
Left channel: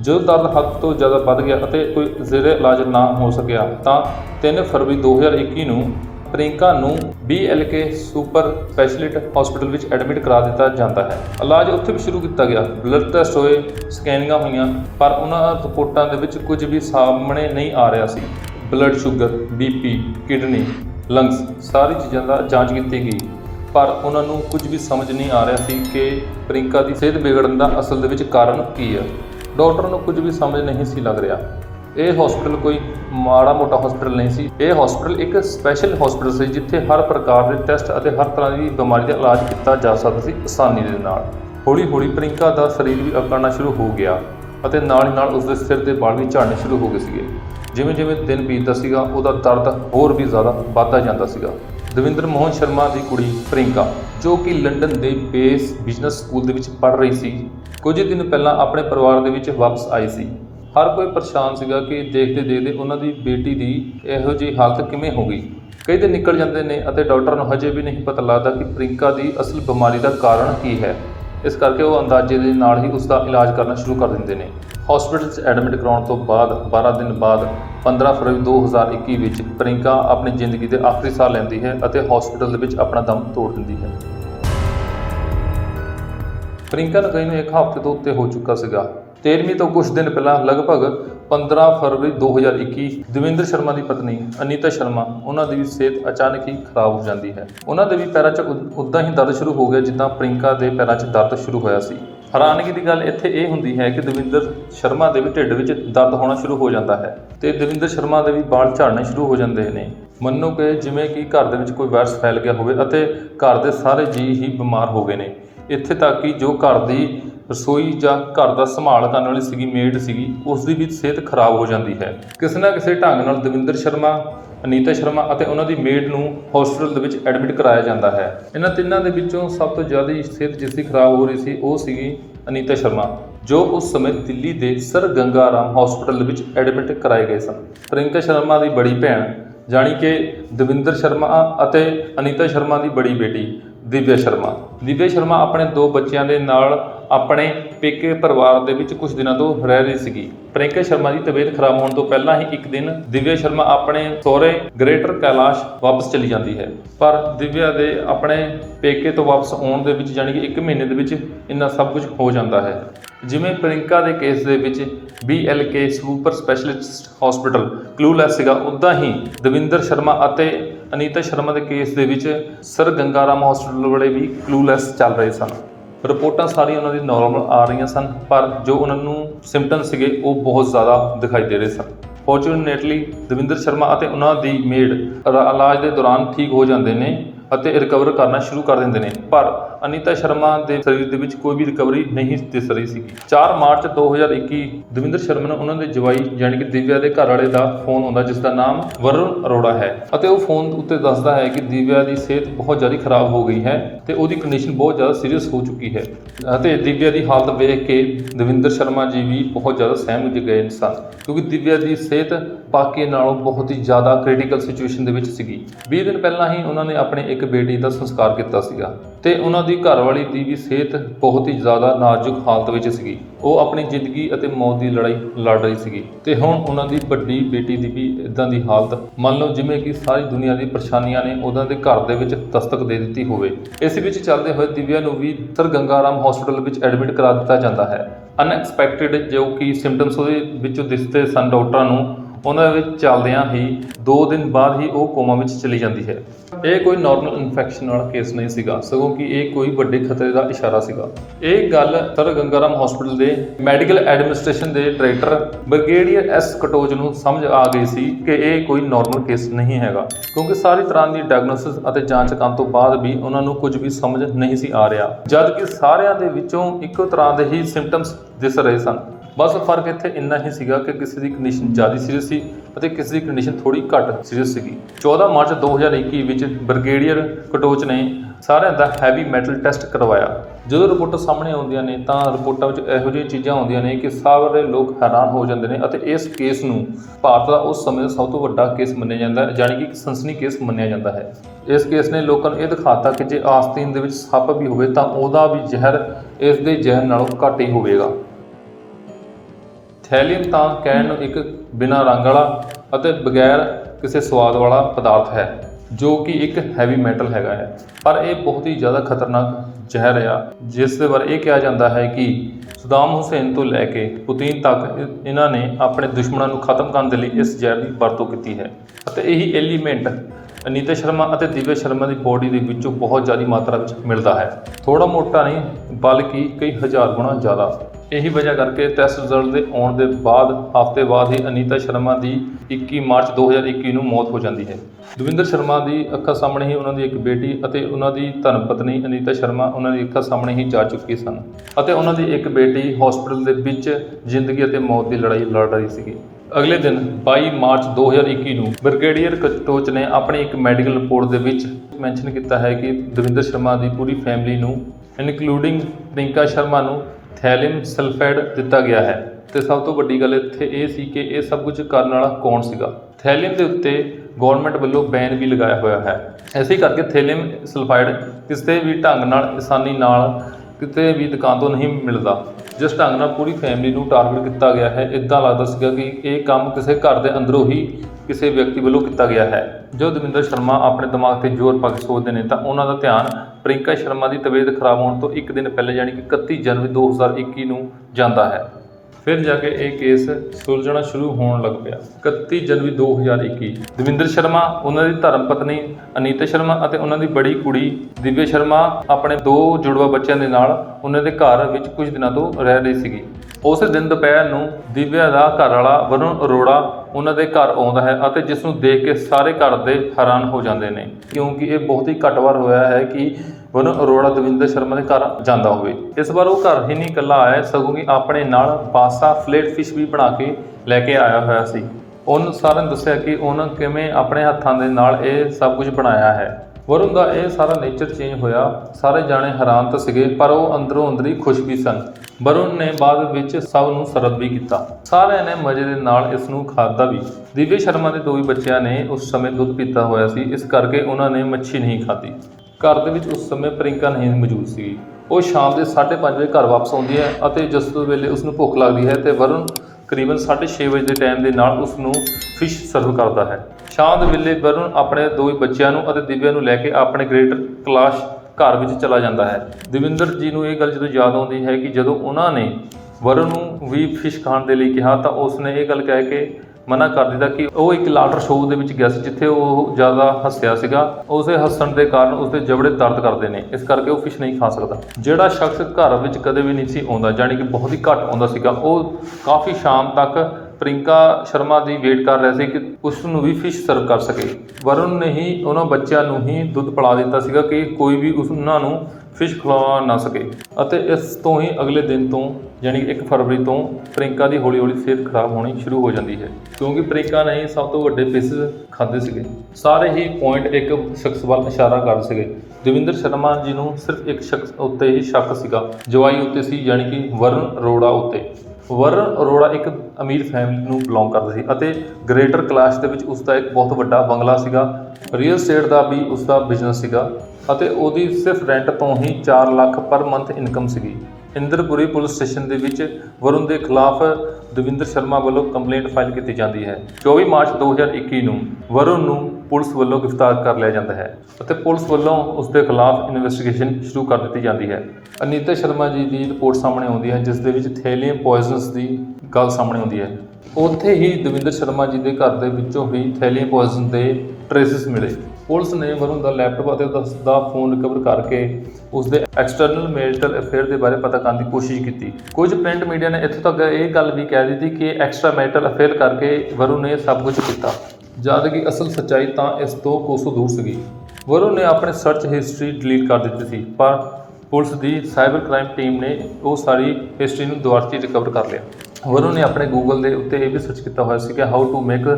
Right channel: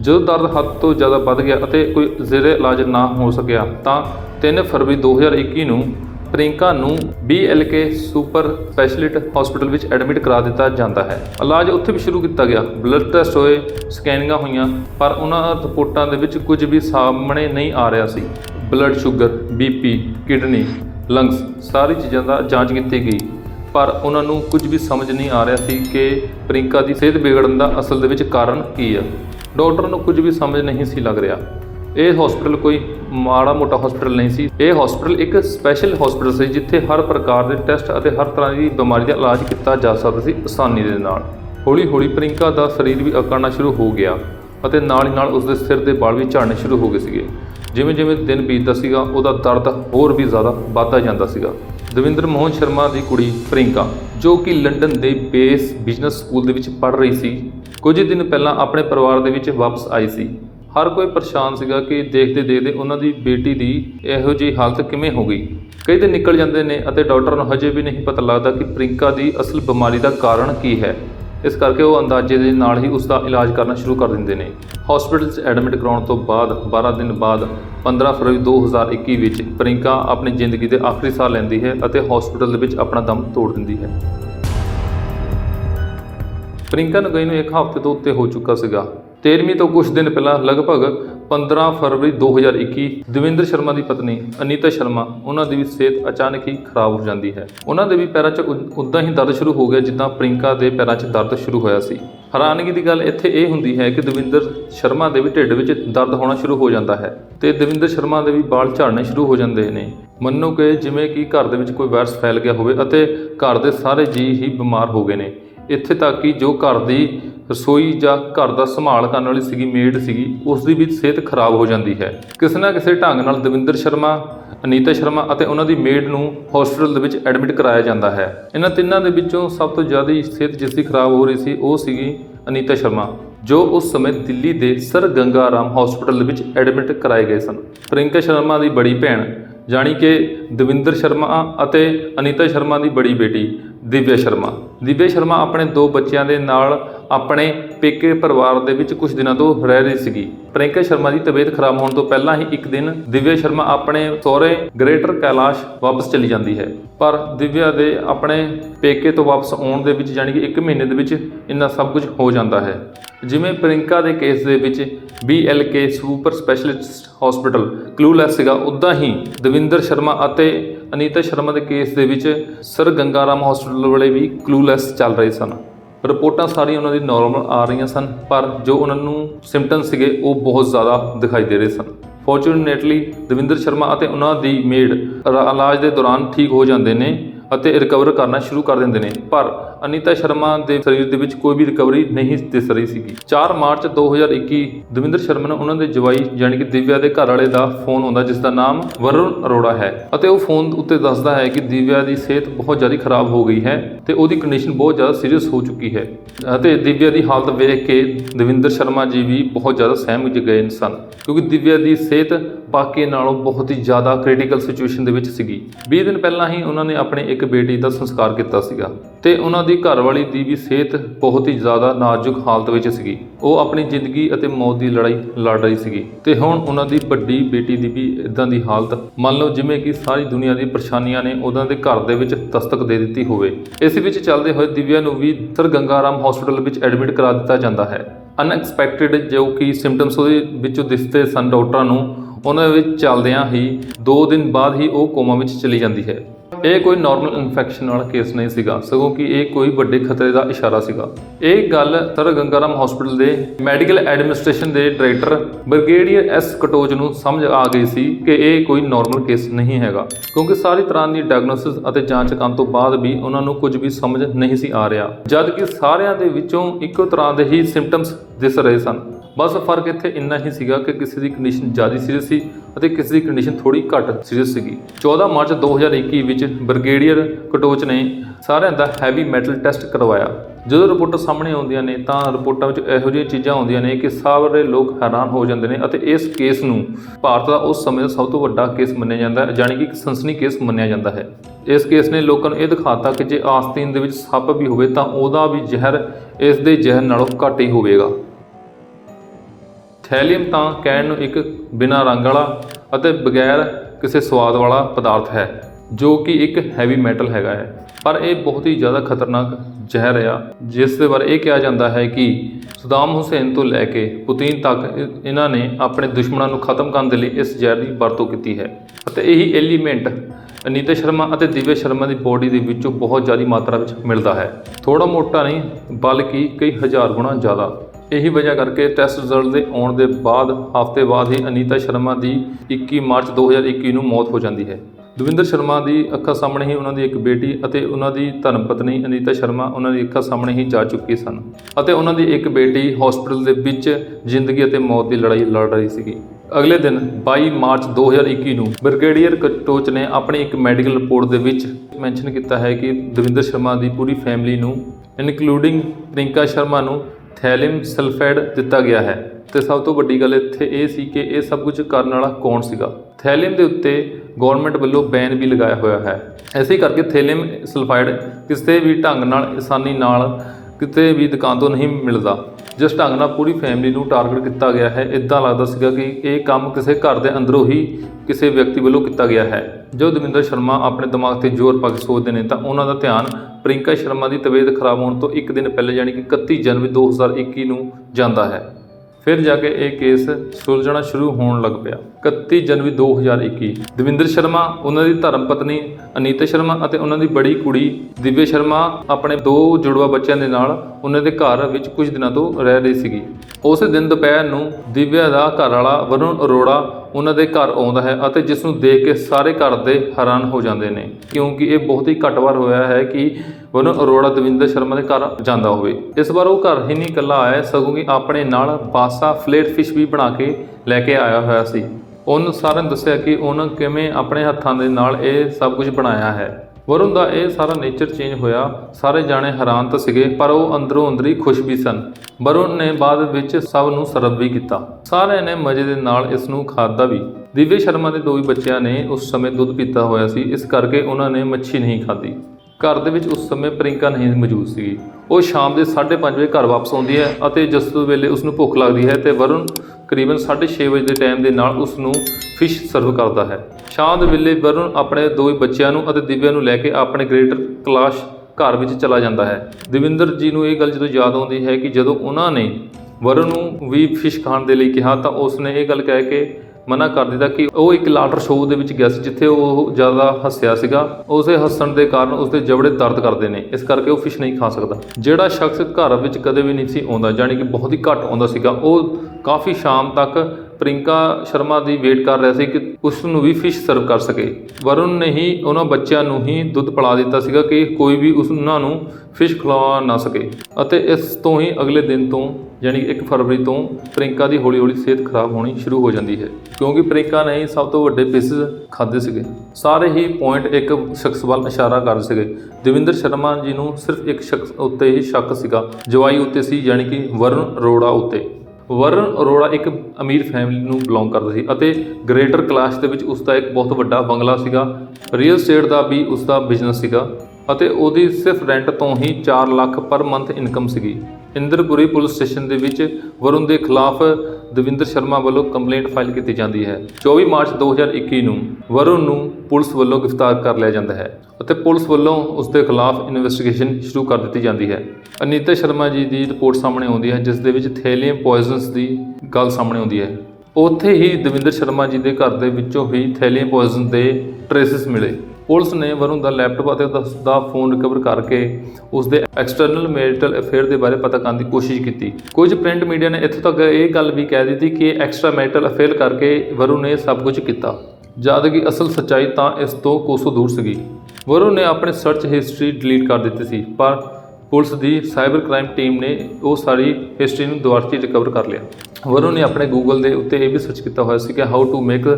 ਜਦੋਂ ਦਰਦ ਹੱਦ ਤੋਂ ਜ਼ਿਆਦਾ ਵੱਧ ਗਿਆ ਅਤੇ ਕੋਈ ਜ਼ੇਰੇ ਇਲਾਜ ਨਾ ਹੋ ਸਕਿਆ ਤਾਂ 3 ਫਰਵਰੀ 2021 ਨੂੰ ਪ੍ਰਿੰਕਾ ਨੂੰ BLK ਸੁਪਰ ਸਪੈਸ਼ਲਿਟੀ ਹਸਪੀਟਲ ਵਿੱਚ ਐਡਮਿਟ ਕਰਾ ਦਿੱਤਾ ਜਾਂਦਾ ਹੈ। ਇਲਾਜ ਉੱਥੇ ਵੀ ਸ਼ੁਰੂ ਕੀਤਾ ਗਿਆ। ਬਲੱਡ ਟੈਸਟ ਹੋਏ, ਸਕੈਨਿੰਗਾਂ ਹੋਈਆਂ, ਪਰ ਉਹਨਾਂ ਰਿਪੋਰਟਾਂ ਦੇ ਵਿੱਚ ਕੁਝ ਵੀ ਸਾਹਮਣੇ ਨਹੀਂ ਆ ਰਿਹਾ ਸੀ। Blood sugar BP kidney lungs ਸਾਰੀ ਚੀਜ਼ਾਂ ਦਾ ਜਾਂਚ ਕੀਤੀ ਗਈ। ਪਰ ਉਹਨਾਂ ਨੂੰ ਕੁਝ ਵੀ ਸਮਝ ਨਹੀਂ ਆ ਰਿਹਾ ਸੀ ਕਿ ਪ੍ਰਿੰਕਾ ਦੀ ਸਿਹਤ ਵਿਗੜਨ ਦਾ ਅਸਲ ਦੇ ਵਿੱਚ ਕਾਰਨ ਕੀ ਹੈ ਡਾਕਟਰ ਨੂੰ ਕੁਝ ਵੀ ਸਮਝ ਨਹੀਂ ਸੀ ਲੱਗ ਰਿਹਾ। ਇਹ ਹਸਪੀਟਲ ਕੋਈ ਮਾੜਾ ਮੋਟਾ ਹਸਪੀਟਲ ਨਹੀਂ ਸੀ। ਇਹ ਹਸਪੀਟਲ ਇੱਕ ਸਪੈਸ਼ਲ ਹਸਪੀਟਲ ਸੀ ਜਿੱਥੇ ਹਰ ਪ੍ਰਕਾਰ ਦੇ ਟੈਸਟ ਅਤੇ ਹਰ ਤਰ੍ਹਾਂ ਦੀ ਬਿਮਾਰੀ ਦਾ ਇਲਾਜ ਕੀਤਾ ਜਾ ਸਕਦਾ ਸੀ ਆਸਾਨੀ ਦੇ ਨਾਲ। ਹੌਲੀ ਹੌਲੀ ਪ੍ਰਿੰਕਾ ਦਾ ਸਰੀਰ ਵੀ ਅਕੜਨਾ ਸ਼ੁਰੂ ਹੋ ਗਿਆ। ਅਤੇ ਨਾਲ ਹੀ ਨਾਲ ਉਸ ਦੇ ਸਿਰ ਦੇ ਵਾਲ ਵੀ ਝੜਨੇ ਸ਼ੁਰੂ ਹੋ ਗਏ ਸੀਗੇ। ਜਿਵੇਂ ਜਿਵੇਂ ਦਿਨ ਬੀਤਦਾ ਸੀਗਾ, ਉਹਦਾ ਦਰਦ ਹੋਰ ਵੀ ਜ਼ਿਆਦਾ ਵੱਧਦਾ ਜਾਂਦਾ ਸੀਗਾ। ਦਵਿੰਦਰ ਮੋਹਨ ਸ਼ਰਮਾ ਦੀ ਕੁੜੀ ਪ੍ਰਿੰਕਾ ਜੋ ਕਿ ਲੰਡਨ ਦੇ ਬੇਸ ਬਿਜ਼ਨਸ ਸਕੂਲ ਦੇ ਵਿੱਚ ਪੜ੍ਹ ਰਹੀ ਸੀ, ਕੁਝ ਦਿਨ ਪਹਿਲਾਂ ਆਪਣੇ ਪਰਿਵਾਰ ਦੇ ਵਿੱਚ ਵਾਪਸ ਆਈ ਸੀ। ਹਰ ਕੋਈ ਪਰੇਸ਼ਾਨ ਸੀਗਾ ਕਿ ਦੇਖਦੇ ਦੇਖਦੇ ਉਹਨਾਂ ਦੀ ਬੇਟੀ ਦੀ ਇਹੋ ਜਿਹੀ ਹਾਲਤ ਕਿਵੇਂ ਹੋ ਗਈ। ਕਈ ਦਿਨ ਨਿਕਲ ਜਾਂਦੇ ਨੇ ਅਤੇ ਡਾਕਟਰ ਨੂੰ ਹਜੇ ਵੀ ਨਹੀਂ ਪਤਾ ਲੱਗਦਾ ਕਿ ਪ੍ਰਿੰਕਾ ਦੀ ਅਸਲ ਬਿਮਾਰੀ ਦਾ ਕਾਰਨ ਕੀ ਹੈ। ਇਸ ਕਰਕੇ ਉਹ ਅੰਦਾਜ਼ੇ ਦੇ ਨਾਲ ਹੀ ਉਸ ਦਾ ਇਲਾਜ ਕਰਨਾ ਸ਼ੁਰੂ ਕਰ ਦਿੰਦੇ ਨੇ। ਹਸਪੀਟਲ 'ਚ ਐਡਮਿਟ ਕਰਾਉਣ ਤੋਂ ਬਾਅਦ 12 ਦਿਨ ਬਾਅਦ 15 ਫਰਵਰੀ 2021 ਵਿੱਚ ਪ੍ਰਿੰਕਾ ਆਪਣੀ ਜ਼ਿੰਦਗੀ ਦੇ ਆਖਰੀ ਸਾਹ ਲੈਂਦੀ ਹੈ ਅਤੇ ਹਸਪੀਟਲ ਦੇ ਵਿੱਚ ਆਪਣਾ ਦਮ ਤੋੜ ਦਿੰਦੀ ਹੈ। ਪ੍ਰਿੰਕਾ ਨੂੰ ਗਈ ਨੂੰ ਇੱਕ ਹਫ਼ਤੇ ਤੋਂ ਉੱਤੇ ਹੋ ਚੁੱਕਾ ਸੀਗਾ। 13ਵੀਂ ਤੋਂ ਕੁਝ ਦਿਨ ਪਹਿਲਾਂ ਲਗਭਗ 15 ਫਰਵਰੀ 2021 ਦਵਿੰਦਰ ਸ਼ਰਮਾ ਦੀ ਪਤਨੀ ਅਨੀਤਾ ਸ਼ਰਮਾ, ਉਹਨਾਂ ਦੀ ਵੀ ਸਿਹਤ ਅਚਾਨਕ ਹੀ ਖਰਾਬ ਹੋ ਜਾਂਦੀ ਹੈ। ਉਹਨਾਂ ਦੇ ਵੀ ਪੈਰਾਂ 'ਚ ਉਦ- ਉੱਦਾਂ ਹੀ ਦਰਦ ਸ਼ੁਰੂ ਹੋ ਗਿਆ ਜਿੱਦਾਂ ਪ੍ਰਿੰਕਾ ਦੇ ਪੈਰਾਂ 'ਚ ਦਰਦ ਸ਼ੁਰੂ ਹੋਇਆ ਸੀ। ਹੈਰਾਨਗੀ ਦੀ ਗੱਲ ਇੱਥੇ ਇਹ ਹੁੰਦੀ ਹੈ ਕਿ ਦਵਿੰਦਰ ਸ਼ਰਮਾ ਦੇ ਵੀ ਢਿੱਡ ਵਿੱਚ ਦਰਦ ਹੋਣਾ ਸ਼ੁਰੂ ਹੋ ਜਾਂਦਾ ਹੈ ਤੇ ਦਵਿੰਦਰ ਸ਼ਰਮਾ ਦੇ ਵੀ ਵਾਲ ਝੜਨੇ ਸ਼ੁਰੂ ਹੋ ਜਾਂਦੇ ਨੇ। ਮੰਨੋ ਕਿ ਜਿਵੇਂ ਕਿ ਘਰ ਦੇ ਵਿੱਚ ਕੋਈ ਵਾਇਰਸ ਫੈਲ ਗਿਆ ਹੋਵੇ ਅਤੇ ਘਰ ਦੇ ਸਾਰੇ ਜੀਅ ਹੀ ਬਿਮਾਰ ਹੋ ਗਏ ਨੇ। ਇੱਥੇ ਤੱਕ ਕਿ ਜੋ ਘਰ ਦੀ ਰਸੋਈ ਜਾਂ ਘਰ ਦਾ ਸੰਭਾਲ ਕਰਨ ਵਾਲੀ ਸੀਗੀ ਮੇਡ ਸੀਗੀ ਉਸ ਦੀ ਵੀ ਸਿਹਤ ਖਰਾਬ ਹੋ ਜਾਂਦੀ ਹੈ। ਕਿਸੇ ਨਾ ਕਿਸੇ ਢੰਗ ਨਾਲ ਦਵਿੰਦਰ ਸ਼ਰਮਾ, ਅਨੀਤਾ ਸ਼ਰਮਾ ਅਤੇ ਉਹਨਾਂ ਦੀ ਮੇਡ ਨੂੰ ਹਸਪੀਟਲ ਦੇ ਵਿੱਚ ਐਡਮਿਟ ਕਰਾਇਆ ਜਾਂਦਾ ਹੈ। ਇਹਨਾਂ ਤਿੰਨਾਂ ਦੇ ਵਿੱਚੋਂ ਸਭ ਤੋਂ ਜ਼ਿਆਦਾ ਸਿਹਤ ਜਿਸ ਦੀ ਖਰਾਬ ਹੋ ਰਹੀ ਸੀ, ਉਹ ਸੀਗੀ ਅਨੀਤਾ ਸ਼ਰਮਾ, ਜੋ ਉਸ ਸਮੇਂ ਦਿੱਲੀ ਦੇ ਸਰ ਗੰਗਾ ਰਾਮ ਹਸਪੀਟਲ ਦੇ ਵਿੱਚ ਐਡਮਿਟ ਕਰਾਏ ਗਏ ਸਨ। ਪ੍ਰਿੰਕਾ ਸ਼ਰਮਾ ਦੀ ਬੜੀ ਭੈਣ ਜਾਣੀ ਕਿ ਦਵਿੰਦਰ ਸ਼ਰਮਾ ਅਤੇ ਅਨੀਤਾ ਸ਼ਰਮਾ ਦੀ ਬੜੀ ਬੇਟੀ ਦਿਵਿਆ ਸ਼ਰਮਾ। ਦਿਵਿਆ ਸ਼ਰਮਾ ਆਪਣੇ ਦੋ ਬੱਚਿਆਂ ਦੇ ਨਾਲ ਆਪਣੇ ਪੇਕੇ ਪਰਿਵਾਰ ਦੇ ਵਿੱਚ ਕੁਝ ਦਿਨਾਂ ਤੋਂ ਰਹਿ ਰਹੀ ਸੀਗੀ। ਪ੍ਰਿੰਕਾ ਸ਼ਰਮਾ ਦੀ ਤਬੀਅਤ ਖਰਾਬ ਹੋਣ ਤੋਂ ਪਹਿਲਾਂ ਹੀ ਇੱਕ ਦਿਨ ਦਿਵਿਆ ਸ਼ਰਮਾ ਆਪਣੇ ਸਹੁਰੇ ਗ੍ਰੇਟਰ ਕੈਲਾਸ਼ ਵਾਪਸ ਚਲੀ ਜਾਂਦੀ ਹੈ। ਪਰ ਦਿਵਿਆ ਦੇ ਆਪਣੇ ਪੇਕੇ ਤੋਂ ਵਾਪਸ ਆਉਣ ਦੇ ਵਿੱਚ ਜਾਣੀ ਕਿ 1 ਮਹੀਨੇ ਦੇ ਵਿੱਚ ਇੰਨਾ ਸਭ ਕੁਝ ਹੋ ਜਾਂਦਾ ਹੈ। ਜਿਵੇਂ ਪ੍ਰਿੰਕਾ ਦੇ ਕੇਸ ਦੇ ਵਿੱਚ BLK super specialist hospital clueless ਸੀਗਾ, ਉਦਾਂ ਹੀ ਦਵਿੰਦਰ ਸ਼ਰਮਾ ਅਤੇ ਅਨੀਤਾ ਸ਼ਰਮਾ ਦੇ ਕੇਸ ਦੇ ਵਿੱਚ ਸਰ ਗੰਗਾਰਾਮ ਹਸਪੀਟਲ ਵਾਲੇ ਵੀ ਕਲੂਲੈਸ ਚੱਲ ਰਹੇ ਸਨ। ਰਿਪੋਰਟਾਂ ਸਾਰੀਆਂ ਉਹਨਾਂ ਦੀ ਨਾਰਮਲ ਆ ਰਹੀਆਂ ਸਨ, ਪਰ ਜੋ ਉਹਨਾਂ ਨੂੰ ਸਿੰਪਟਮ ਸੀਗੇ, ਉਹ ਬਹੁਤ ਜ਼ਿਆਦਾ ਦਿਖਾਈ ਦੇ ਰਹੇ ਸਨ। ਫੋਰਚੂਨੇਟਲੀ ਦਵਿੰਦਰ ਸ਼ਰਮਾ ਅਤੇ ਉਹਨਾਂ ਦੀ ਮੇਡ ਇਲਾਜ ਦੇ ਦੌਰਾਨ ਠੀਕ ਹੋ ਜਾਂਦੇ ਨੇ। ਅਤੇ ਰਿਕਵਰ ਕਰਨਾ ਸ਼ੁਰੂ ਕਰ ਦਿੰਦੇ ਨੇ। ਪਰ ਅਨੀਤਾ ਸ਼ਰਮਾ ਦੇ ਸਰੀਰ ਦੇ ਵਿੱਚ ਕੋਈ ਵੀ ਰਿਕਵਰੀ ਨਹੀਂ ਦਿਸ ਰਹੀ ਸੀਗੀ। 4 ਮਾਰਚ 2021 ਦਵਿੰਦਰ ਸ਼ਰਮਾ ਨੂੰ ਉਹਨਾਂ ਦੇ ਜਵਾਈ ਯਾਨੀ ਕਿ ਦਿਵਿਆ ਦੇ ਘਰ ਵਾਲੇ ਦਾ ਫੋਨ ਆਉਂਦਾ, ਜਿਸ ਦਾ ਨਾਮ ਵਰੁਣ ਅਰੋੜਾ ਹੈ। ਅਤੇ ਉਹ ਫੋਨ ਉੱਤੇ ਦੱਸਦਾ ਹੈ ਕਿ ਦਿਵਿਆ ਦੀ ਸਿਹਤ ਬਹੁਤ ਜ਼ਿਆਦਾ ਖਰਾਬ ਹੋ ਗਈ ਹੈ ਤੇ ਉਹਦੀ ਕੰਡੀਸ਼ਨ ਬਹੁਤ ਜ਼ਿਆਦਾ ਸੀਰੀਅਸ ਹੋ ਚੁੱਕੀ ਹੈ। ਅਤੇ ਦਿਵਿਆ ਦੀ ਹਾਲਤ ਵੇਖ ਕੇ ਦਵਿੰਦਰ ਸ਼ਰਮਾ ਜੀ ਵੀ ਬਹੁਤ ਜ਼ਿਆਦਾ ਸਹਿਮ ਗਏ ਸਨ, ਕਿਉਂਕਿ ਦਿਵਿਆ ਦੀ ਸਿਹਤ ਬਾਕੀ ਨਾਲੋਂ ਬਹੁਤ ਹੀ ਜ਼ਿਆਦਾ ਕ੍ਰਿਟੀਕਲ ਸਿਚੁਏਸ਼ਨ ਦੇ ਵਿੱਚ ਸੀਗੀ। 20 ਦਿਨ ਪਹਿਲਾਂ ਹੀ ਉਹਨਾਂ ਨੇ ਆਪਣੇ ਇੱਕ ਇੱਕ ਬੇਟੀ ਦਾ ਸੰਸਕਾਰ ਕੀਤਾ ਸੀਗਾ ਤੇ ਉਹਨਾਂ ਦੀ ਘਰਵਾਲੀ ਦੀ ਵੀ ਸਿਹਤ ਬਹੁਤ ਹੀ ਜ਼ਿਆਦਾ ਨਾਜ਼ੁਕ ਹਾਲਤ ਵਿੱਚ ਸੀਗੀ। ਉਹ ਆਪਣੀ ਜ਼ਿੰਦਗੀ ਅਤੇ ਮੌਤ ਦੀ ਲੜਾਈ ਲੜ ਰਹੀ ਸੀਗੀ ਤੇ ਹੁਣ ਉਹਨਾਂ ਦੀ ਵੱਡੀ ਬੇਟੀ ਦੀ ਵੀ ਇਦਾਂ ਦੀ ਹਾਲਤ, ਮੰਨ ਲਓ ਜਿਵੇਂ ਕਿ ਸਾਰੀ ਦੁਨੀਆ ਦੀ ਪਰੇਸ਼ਾਨੀਆਂ ਨੇ ਉਹਨਾਂ ਦੇ ਘਰ ਦੇ ਵਿੱਚ ਦਸਤਕ ਦੇ ਦਿੱਤੀ ਹੋਵੇ। ਇਸ ਵਿੱਚ ਚੱਲਦੇ ਹੋਏ ਦਿਵਿਆ ਨੂੰ ਵੀ ਸਰ ਗੰਗਾਰਾਮ ਹਸਪੀਟਲ ਵਿੱਚ ਐਡਮਿਟ ਕਰਾ ਦਿੱਤਾ ਜਾਂਦਾ ਹੈ। ਅਨਐਕਸਪੈਕਟਿਡ ਜੋ ਕਿ ਸਿੰਪਟਮਸ ਉਹਦੇ ਵਿੱਚੋਂ ਦਿਸਦੇ ਸਨ, ਡਾਕਟਰਾਂ ਨੂੰ, ਉਹਨਾਂ ਵਿੱਚ ਚੱਲਦਿਆਂ ਹੀ 2 ਦਿਨ ਬਾਅਦ ਹੀ ਉਹ ਕੋਮਾ ਵਿੱਚ ਚਲੀ ਜਾਂਦੀ ਹੈ। ਇਹ ਕੋਈ ਨਾਰਮਲ ਇਨਫੈਕਸ਼ਨ ਵਾਲਾ ਕੇਸ ਨਹੀਂ ਸੀਗਾ। ਸਗੋਂ ਕਿ ਇਹ ਕੋਈ ਵੱਡੇ ਖਤਰੇ ਦਾ ਇਸ਼ਾਰਾ ਸੀਗਾ। ਇਹ ਗੱਲ ਸਰ ਗੰਗਾਰਾਮ ਹਸਪੀਟਲ ਦੇ ਮੈਡੀਕਲ ਐਡਮਿਨਿਸਟ੍ਰੇਸ਼ਨ ਦੇ ਡਾਇਰੈਕਟਰ ਬ੍ਰਿਗੇਡੀਅਰ ਐਸ ਕਟੋਜ ਨੂੰ ਸਮਝ ਆ ਗਈ ਸੀ ਕਿ ਇਹ ਕੋਈ ਨਾਰਮਲ ਕੇਸ ਨਹੀਂ ਹੈਗਾ। ਕਿਉਂਕਿ ਸਾਰੀ ਤਰ੍ਹਾਂ ਦੀ ਡਾਇਗਨੋਸਿਸ ਅਤੇ ਜਾਂਚ ਕਰਨ ਤੋਂ ਬਾਅਦ ਵੀ ਉਹਨਾਂ ਨੂੰ ਕੁਝ ਵੀ ਸਮਝ ਨਹੀਂ ਸੀ ਆ ਰਿਹਾ। ਜਦ ਕਿ ਸਾਰਿਆਂ ਦੇ ਵਿੱਚੋਂ ਇੱਕੋ ਤਰ੍ਹਾਂ ਦੇ ਹੀ ਸਿੰਪਟਮਸ ਦਿਸ ਰਹੇ ਸਨ। ਬਸ ਫ਼ਰਕ ਇੱਥੇ ਇੰਨਾ ਹੀ ਸੀਗਾ ਕਿ ਕਿਸੇ ਦੀ ਕੰਡੀਸ਼ਨ ਜ਼ਿਆਦਾ ਸੀਰੀਅਸ ਸੀ ਅਤੇ ਕਿਸੇ ਦੀ ਕੰਡੀਸ਼ਨ ਥੋੜੀ ਘੱਟ ਸੀਰੀਅਸ ਸੀਗੀ। 14 ਮਾਰਚ 2021 ਵਿੱਚ ਬ੍ਰਿਗੇਡੀਅਰ ਕਟੋਚ ਨੇ ਸਾਰਿਆਂ ਦਾ ਹੈਵੀ ਮੈਟਲ ਟੈਸਟ ਕਰਵਾਇਆ। ਜਦੋਂ ਰਿਪੋਰਟਾਂ ਸਾਹਮਣੇ ਆਉਂਦੀਆਂ ਨੇ ਤਾਂ ਰਿਪੋਰਟਾਂ ਵਿੱਚ ਇਹੋ ਜਿਹੀਆਂ ਚੀਜ਼ਾਂ ਆਉਂਦੀਆਂ ਨੇ ਕਿ ਸਾਰੇ ਲੋਕ ਹੈਰਾਨ ਹੋ ਜਾਂਦੇ ਨੇ ਅਤੇ ਇਸ ਕੇਸ ਨੂੰ ਭਾਰਤ ਦਾ ਉਸ ਸਮੇਂ ਦਾ ਸਭ ਤੋਂ ਵੱਡਾ ਕੇਸ ਮੰਨਿਆ ਜਾਂਦਾ ਹੈ, ਜਾਣੀ ਕਿ ਇੱਕ ਸੰਸਨੀ ਕੇਸ ਮੰਨਿਆ ਜਾਂਦਾ ਹੈ। ਇਸ ਕੇਸ ਨੇ ਲੋਕਾਂ ਨੂੰ ਇਹ ਦਿਖਾਤਾ ਕਿ ਜੇ ਆਸਤੀਨ ਦੇ ਵਿੱਚ ਸੱਪ ਵੀ ਹੋਵੇ ਤਾਂ ਉਹਦਾ ਵੀ ਜ਼ਹਿਰ ਇਸ ਦੇ ਜ਼ਹਿਰ ਨਾਲੋਂ ਘੱਟ ਹੀ ਹੋਵੇਗਾ। ਥੈਲੀਅਮ ਤਾਂ ਕਹਿਣ ਨੂੰ ਇੱਕ ਬਿਨਾਂ ਰੰਗ ਵਾਲਾ ਅਤੇ ਬਗੈਰ ਕਿਸੇ ਸਵਾਦ ਵਾਲਾ ਪਦਾਰਥ ਹੈ, ਜੋ ਕਿ ਇੱਕ ਹੈਵੀ ਮੈਟਲ ਹੈਗਾ ਹੈ। ਪਰ ਇਹ ਬਹੁਤ ਹੀ ਜ਼ਿਆਦਾ ਖਤਰਨਾਕ ਜ਼ਹਿਰ ਆ, ਜਿਸ ਦੇ ਬਾਰੇ ਇਹ ਕਿਹਾ ਜਾਂਦਾ ਹੈ ਕਿ ਸਦਾਮ ਹੁਸੈਨ ਤੋਂ ਲੈ ਕੇ ਪੁਤਿਨ ਤੱਕ ਇਹਨਾਂ ਨੇ ਆਪਣੇ ਦੁਸ਼ਮਣਾਂ ਨੂੰ ਖਤਮ ਕਰਨ ਦੇ ਲਈ ਇਸ ਜ਼ਹਿਰ ਦੀ ਵਰਤੋਂ ਕੀਤੀ ਹੈ। ਅਤੇ ਇਹੀ ਐਲੀਮੈਂਟ ਅਨੀਤਾ ਸ਼ਰਮਾ ਅਤੇ ਦਿਵਿਆ ਸ਼ਰਮਾ ਦੀ ਬੋਡੀ ਦੇ ਵਿੱਚੋਂ ਬਹੁਤ ਜ਼ਿਆਦਾ ਮਾਤਰਾ ਵਿੱਚ ਮਿਲਦਾ ਹੈ। ਥੋੜਾ ਮੋਟਾ ਨਹੀਂ, ਬਲਕਿ ਕਈ ਹਜ਼ਾਰ ਗੁਣਾ ਜ਼ਿਆਦਾ। ਇਹੀ ਵਜ੍ਹਾ ਕਰਕੇ ਟੈਸਟ ਰਿਜ਼ਲਟ ਦੇ ਆਉਣ ਦੇ ਬਾਅਦ, ਹਫ਼ਤੇ ਬਾਅਦ ਹੀ ਅਨੀਤਾ ਸ਼ਰਮਾ ਦੀ 21 ਮਾਰਚ 2021 ਨੂੰ ਮੌਤ ਹੋ ਜਾਂਦੀ ਹੈ। ਦਵਿੰਦਰ ਸ਼ਰਮਾ ਦੀ ਅੱਖਾਂ ਸਾਹਮਣੇ ਹੀ ਉਹਨਾਂ ਦੀ ਇੱਕ ਬੇਟੀ ਅਤੇ ਉਹਨਾਂ ਦੀ ਧਰਮ ਪਤਨੀ ਅਨੀਤਾ ਸ਼ਰਮਾ ਉਹਨਾਂ ਦੀ ਅੱਖਾਂ ਸਾਹਮਣੇ ਹੀ ਜਾ ਚੁੱਕੀ ਸਨ ਅਤੇ ਉਹਨਾਂ ਦੀ ਇੱਕ ਬੇਟੀ ਹਸਪੀਟਲ ਦੇ ਵਿੱਚ ਜ਼ਿੰਦਗੀ ਅਤੇ ਮੌਤ ਦੀ ਲੜਾਈ ਲੜ ਰਹੀ ਸੀਗੀ। ਅਗਲੇ ਦਿਨ 22 ਮਾਰਚ 2021 ਨੂੰ ਬ੍ਰਿਗੇਡੀਅਰ ਕਟੋਚ ਨੇ ਆਪਣੀ ਇੱਕ ਮੈਡੀਕਲ ਰਿਪੋਰਟ ਦੇ ਵਿੱਚ ਮੈਂਸ਼ਨ ਕੀਤਾ ਹੈ ਕਿ ਦਵਿੰਦਰ ਸ਼ਰਮਾ ਦੀ ਪੂਰੀ ਫੈਮਿਲੀ ਨੂੰ ਇਨਕਲੂਡਿੰਗ ਪ੍ਰਿੰਕਾ ਸ਼ਰਮਾ ਨੂੰ ਥੈਲਿਮ ਸਲਫਾਈਡ ਦਿੱਤਾ ਗਿਆ ਹੈ। ਤੇ ਸਭ ਤੋਂ ਵੱਡੀ ਗੱਲ ਇੱਥੇ ਇਹ ਸੀ ਕਿ ਇਹ ਸਭ ਕੁਝ ਕਰਨ ਵਾਲਾ ਕੌਣ ਸੀਗਾ? ਥੈਲਿਮ ਦੇ ਉੱਤੇ ਗਵਰਨਮੈਂਟ ਵੱਲੋਂ ਬੈਨ ਵੀ ਲਗਾਇਆ ਹੋਇਆ ਹੈ। ਐਸੇ ਕਰਕੇ ਥੈਲਿਮ ਸਲਫਾਈਡ ਕਿਸੇ ਵੀ ਢੰਗ ਨਾਲ ਆਸਾਨੀ ਨਾਲ ਕਿਤੇ ਵੀ ਦੁਕਾਨ ਤੋਂ ਨਹੀਂ ਮਿਲਦਾ। ਜਿਸ ਢੰਗ ਨਾਲ ਪੂਰੀ ਫੈਮਿਲੀ ਨੂੰ ਟਾਰਗੇਟ ਕੀਤਾ ਗਿਆ ਹੈ ਇਦਾਂ ਲੱਗਦਾ ਸੀਗਾ ਕਿ ਇਹ ਕੰਮ ਕਿਸੇ ਘਰ ਦੇ ਅੰਦਰੋਂ ਹੀ ਕਿਸੇ ਵਿਅਕਤੀ ਵੱਲੋਂ ਕੀਤਾ ਗਿਆ ਹੈ। ਜੋ ਦਵਿੰਦਰ ਸ਼ਰਮਾ ਆਪਣੇ ਦਿਮਾਗ ਤੇ ਜ਼ੋਰ ਪਾ ਕੇ ਸੋਚਦੇ ਨੇ, ਤਾਂ ਉਹਨਾਂ ਦਾ ਧਿਆਨ ਪ੍ਰਿੰਕਾ ਸ਼ਰਮਾ ਦੀ ਤਬੀਅਤ ਖਰਾਬ ਹੋਣ ਤੋਂ ਇੱਕ ਦਿਨ ਪਹਿਲੇ, ਯਾਨੀ ਕਿ 31 ਜਨਵਰੀ 2021 ਨੂੰ ਜਾਂਦਾ ਹੈ। ਫਿਰ ਜਾ ਕੇ ਇਹ ਕੇਸ ਸੁਲਝਣਾ ਸ਼ੁਰੂ ਹੋਣ ਲੱਗ ਪਿਆ। 31 ਜਨਵਰੀ 2021 ਦਵਿੰਦਰ ਸ਼ਰਮਾ, ਉਹਨਾਂ ਦੀ ਧਰਮ ਪਤਨੀ ਅਨੀਤਾ ਸ਼ਰਮਾ ਅਤੇ ਉਹਨਾਂ ਦੀ ਬੜੀ ਕੁੜੀ ਦਿਵਿਆ ਸ਼ਰਮਾ ਆਪਣੇ ਦੋ ਜੁੜਵਾ ਬੱਚਿਆਂ ਦੇ ਨਾਲ ਉਹਨਾਂ ਦੇ ਘਰ ਵਿੱਚ ਕੁਝ ਦਿਨਾਂ ਤੋਂ ਰਹਿ ਰਹੀ ਸੀਗੀ। ਉਸੇ ਦਿਨ ਦੁਪਹਿਰ ਨੂੰ ਦਿਵਿਆ ਦਾ ਘਰ ਵਾਲਾ ਵਰੁਣ ਅਰੋੜਾ ਉਹਨਾਂ ਦੇ ਘਰ ਆਉਂਦਾ ਹੈ ਅਤੇ ਜਿਸ ਨੂੰ ਦੇਖ ਕੇ ਸਾਰੇ ਘਰ ਦੇ ਹੈਰਾਨ ਹੋ ਜਾਂਦੇ ਨੇ, ਕਿਉਂਕਿ ਇਹ ਬਹੁਤ ਹੀ ਘੱਟ ਵਾਰ ਹੋਇਆ ਹੈ ਕਿ ਵਰੁਣ ਅਰੋੜਾ ਦਵਿੰਦਰ ਸ਼ਰਮਾ ਦੇ ਘਰ ਜਾਂਦਾ ਹੋਵੇ। ਇਸ ਵਾਰ ਉਹ ਘਰ ਹੀ ਨਹੀਂ ਇਕੱਲਾ ਆਇਆ, ਸਗੋਂ ਕਿ ਆਪਣੇ ਨਾਲ ਬਾਸਾ ਫਲੇਟ ਫਿਸ਼ ਵੀ ਬਣਾ ਕੇ ਲੈ ਕੇ ਆਇਆ ਹੋਇਆ ਸੀ। ਉਹਨੂੰ ਸਾਰਿਆਂ ਨੂੰ ਦੱਸਿਆ ਕਿ ਉਹਨਾਂ ਕਿਵੇਂ ਆਪਣੇ ਹੱਥਾਂ ਦੇ ਨਾਲ ਇਹ ਸਭ ਕੁਝ ਬਣਾਇਆ ਹੈ। ਵਰੁਣ ਦਾ ਇਹ ਸਾਰਾ ਨੇਚਰ ਚੇਂਜ ਹੋਇਆ। ਸਾਰੇ ਜਾਣੇ ਹੈਰਾਨ ਤਾਂ ਸੀਗੇ, ਪਰ ਉਹ ਅੰਦਰੋਂ ਅੰਦਰੀ ਖੁਸ਼ ਵੀ ਸਨ। ਵਰੁਣ ਨੇ ਬਾਅਦ ਵਿੱਚ ਸਭ ਨੂੰ ਸਰਬ ਵੀ ਕੀਤਾ। ਸਾਰਿਆਂ ਨੇ ਮਜ਼ੇ ਦੇ ਨਾਲ ਇਸ ਨੂੰ ਖਾਦਾ ਵੀ। ਦਿਵਯ ਸ਼ਰਮਾ ਦੇ ਦੋ ਹੀ ਬੱਚਿਆਂ ਨੇ ਉਸ ਸਮੇਂ ਦੁੱਧ ਪੀਤਾ ਹੋਇਆ ਸੀ। ਇਸ ਕਰਕੇ ਉਹਨਾਂ ਨੇ ਮੱਛੀ ਨਹੀਂ ਖਾਧੀ। ਘਰ ਦੇ ਵਿੱਚ ਉਸ ਸਮੇਂ ਪ੍ਰਿੰਕਾ ਨਹੀਂ ਮੌਜੂਦ ਸੀ। ਉਹ ਸ਼ਾਮ ਦੇ 5:30 ਵਜੇ ਘਰ ਵਾਪਸ ਆਉਂਦੀ ਹੈ ਅਤੇ ਜਿਸ ਵੇਲੇ ਉਸ ਨੂੰ ਭੁੱਖ ਲੱਗਦੀ ਹੈ ਤੇ ਵਰੁਣ ਕਰੀਬਨ 6:30 ਵਜੇ ਦੇ ਟਾਈਮ ਦੇ ਨਾਲ ਉਸ ਨੂੰ ਫਿਸ਼ ਸਰਵ ਕਰਦਾ ਹੈ। ਸ਼ਾਮ ਦੇ ਵੇਲੇ ਵਰੁਣ ਆਪਣੇ ਦੋ ਹੀ ਬੱਚਿਆਂ ਨੂੰ ਅਤੇ ਦਿਵਿਆ ਨੂੰ ਲੈ ਕੇ ਆਪਣੇ ਗ੍ਰੇਟਰ ਕਲਾਸ਼ ਘਰ ਵਿੱਚ ਚਲਾ ਜਾਂਦਾ ਹੈ। ਦਵਿੰਦਰ ਜੀ ਨੂੰ ਇਹ ਗੱਲ ਜਦੋਂ ਯਾਦ ਆਉਂਦੀ ਹੈ ਕਿ ਜਦੋਂ ਉਹਨਾਂ ਨੇ ਵਰੁਣ ਨੂੰ ਵੀ ਫਿਸ਼ ਖਾਣ ਦੇ ਲਈ ਕਿਹਾ ਤਾਂ ਉਸ ਨੇ ਇਹ ਗੱਲ ਕਹਿ ਕੇ ਮਨਾ ਕਰ ਦਿੱਤਾ ਕਿ ਉਹ ਇੱਕ ਲਾਟਰ ਸ਼ੋਅ ਦੇ ਵਿੱਚ ਗਿਆ ਸੀ, ਜਿੱਥੇ ਉਹ ਜ਼ਿਆਦਾ ਹੱਸਿਆ ਸੀਗਾ। ਉਸੇ ਹੱਸਣ ਦੇ ਕਾਰਨ ਉਸਦੇ ਜਬੜੇ ਦਰਦ ਕਰਦੇ ਨੇ, ਇਸ ਕਰਕੇ ਉਹ ਫਿਸ਼ ਨਹੀਂ ਖਾ ਸਕਦਾ। ਜਿਹੜਾ ਸ਼ਖਸ ਘਰ ਵਿੱਚ ਕਦੇ ਵੀ ਨਹੀਂ ਸੀ ਆਉਂਦਾ, ਜਾਣੀ ਕਿ ਬਹੁਤ ਹੀ ਘੱਟ ਆਉਂਦਾ ਸੀਗਾ, ਉਹ ਕਾਫੀ ਸ਼ਾਮ ਤੱਕ ਪ੍ਰਿੰਕਾ ਸ਼ਰਮਾ ਦੀ ਵੇਟ ਕਰ ਰਿਹਾ ਸੀ ਕਿ ਉਸ ਨੂੰ ਵੀ ਫਿਸ਼ ਸਰਵ ਕਰ ਸਕੇ। ਵਰੁਣ ਨੇ ਹੀ ਉਹਨਾਂ ਬੱਚਿਆਂ ਨੂੰ ਹੀ ਦੁੱਧ ਪਿਲਾ ਦਿੱਤਾ ਸੀਗਾ ਕਿ ਕੋਈ ਵੀ ਉਸ ਉਹਨਾਂ ਨੂੰ ਫਿਸ਼ ਖਿਲਾ ਨਾ ਸਕੇ। ਅਤੇ ਇਸ ਤੋਂ ਹੀ ਅਗਲੇ ਦਿਨ ਤੋਂ, ਯਾਨੀ 1 ਫਰਵਰੀ ਤੋਂ ਪ੍ਰਿੰਕਾ ਦੀ ਹੌਲੀ-ਹੌਲੀ ਸਿਹਤ ਖਰਾਬ ਹੋਣੀ ਸ਼ੁਰੂ ਹੋ ਜਾਂਦੀ ਹੈ, ਕਿਉਂਕਿ ਪ੍ਰਿੰਕਾ ਨੇ ਹੀ ਸਭ ਤੋਂ ਵੱਡੇ ਪੀਸਸ ਖਾਦੇ ਸੀਗੇ। ਸਾਰੇ ਹੀ ਪੁਆਇੰਟ ਇੱਕ ਸ਼ਖਸ ਵੱਲ ਇਸ਼ਾਰਾ ਕਰ ਸੀਗੇ। ਦਵਿੰਦਰ ਸ਼ਰਮਾ ਜੀ ਨੂੰ ਸਿਰਫ ਇੱਕ ਸ਼ਖਸ ਉੱਤੇ ਹੀ ਸ਼ੱਕ ਸੀਗਾ, ਜਵਾਈ ਉੱਤੇ ਸੀ, ਯਾਨੀ ਕਿ ਵਰੁਣ ਅਰੋੜਾ ਉੱਤੇ। ਵਰੁਣ ਅਰੋੜਾ ਇੱਕ ਅਮੀਰ ਫੈਮਿਲੀ ਨੂੰ ਬਿਲੋਂਗ ਕਰਦਾ ਸੀ ਅਤੇ ਗ੍ਰੇਟਰ ਕਲਾਸ ਦੇ ਵਿੱਚ ਉਸ ਦਾ ਇੱਕ ਬਹੁਤ ਵੱਡਾ ਬੰਗਲਾ ਸੀਗਾ ਰੀਅਲ ਸਟੇਟ ਦਾ ਵੀ ਉਸ ਦਾ ਬਿਜ਼ਨਸ ਸੀਗਾ ਅਤੇ ਉਹਦੀ ਸਿਰਫ ਰੈਂਟ ਤੋਂ ਹੀ 4 ਲੱਖ ਪਰ ਮੰਥ ਇਨਕਮ ਸੀਗੀ। ਇੰਦਰਪੁਰੀ ਪੁਲਿਸ ਸਟੇਸ਼ਨ ਦੇ ਵਿੱਚ ਵਰੁਣ ਦੇ ਖਿਲਾਫ ਦਵਿੰਦਰ ਸ਼ਰਮਾ ਵੱਲੋਂ ਕੰਪਲੇਂਟ ਫਾਈਲ ਕੀਤੀ ਜਾਂਦੀ ਹੈ। 24 ਮਾਰਚ 2021 ਨੂੰ ਵਰੁਣ ਨੂੰ ਪੁਲਿਸ ਵੱਲੋਂ ਗ੍ਰਿਫਤਾਰ ਕਰ ਲਿਆ ਜਾਂਦਾ ਹੈ ਅਤੇ ਪੁਲਿਸ ਵੱਲੋਂ ਉਸ ਦੇ ਖਿਲਾਫ ਇਨਵੈਸਟੀਗੇਸ਼ਨ ਸ਼ੁਰੂ ਕਰ ਦਿੱਤੀ ਜਾਂਦੀ ਹੈ। ਅਨੀਤਾ ਸ਼ਰਮਾ ਜੀ ਦੀ ਰਿਪੋਰਟ ਸਾਹਮਣੇ ਆਉਂਦੀ ਹੈ, ਜਿਸ ਦੇ ਵਿੱਚ ਥੈਲੀਅਮ ਪੋਇਜ਼ਨਸ ਦੀ ਗੱਲ ਸਾਹਮਣੇ ਆਉਂਦੀ ਹੈ। ਉੱਥੇ ਹੀ ਦਵਿੰਦਰ ਸ਼ਰਮਾ ਜੀ ਦੇ ਘਰ ਦੇ ਵਿੱਚੋਂ ਵੀ ਥੈਲੀਅਮ ਪੋਇਜ਼ਨ ਦੇ ਟ੍ਰੇਸਿਸ ਮਿਲੇ। ਪੁਲਿਸ ਨੇ ਵਰੁਣ ਦਾ ਲੈਪਟਾਪ ਅਤੇ ਉਸ ਦਾ ਫੋਨ ਰਿਕਵਰ ਕਰਕੇ ਉਸ ਦੇ ਐਕਸਟਰਨਲ ਮੈਰਿਟਲ ਅਫੇਅਰ ਦੇ ਬਾਰੇ ਪਤਾ ਕਰਨ ਦੀ ਕੋਸ਼ਿਸ਼ ਕੀਤੀ। ਕੁਝ ਪ੍ਰਿੰਟ ਮੀਡੀਆ ਨੇ ਇੱਥੋਂ ਤੱਕ ਇਹ ਗੱਲ ਵੀ ਕਹਿ ਦਿੱਤੀ ਕਿ ਐਕਸਟਰਾ ਮੈਰਿਟਲ ਅਫੇਅਰ ਕਰਕੇ ਵਰੁਣ ਨੇ ਸਭ ਕੁਝ ਕੀਤਾ। ਜਦ ਕਿ ਅਸਲ ਸੱਚਾਈ ਤਾਂ ਇਸ ਤੋਂ ਕੋਸੋਂ ਦੂਰ ਸੀਗੀ। ਵਰੁਣ ਨੇ ਆਪਣੇ ਸਰਚ ਹਿਸਟਰੀ ਡਿਲੀਟ ਕਰ ਦਿੱਤੀ ਸੀ, ਪਰ ਪੁਲਿਸ ਦੀ ਸਾਈਬਰ ਕ੍ਰਾਈਮ ਟੀਮ ਨੇ ਉਹ ਸਾਰੀ ਹਿਸਟਰੀ ਨੂੰ ਦੁਬਾਰਾ ਤੋਂ ਰਿਕਵਰ ਕਰ ਲਿਆ। ਵਰੁਣ ਨੇ ਆਪਣੇ ਗੂਗਲ ਦੇ ਉੱਤੇ ਇਹ ਵੀ ਸਰਚ ਕੀਤਾ ਹੋਇਆ ਸੀ ਕਿ how to make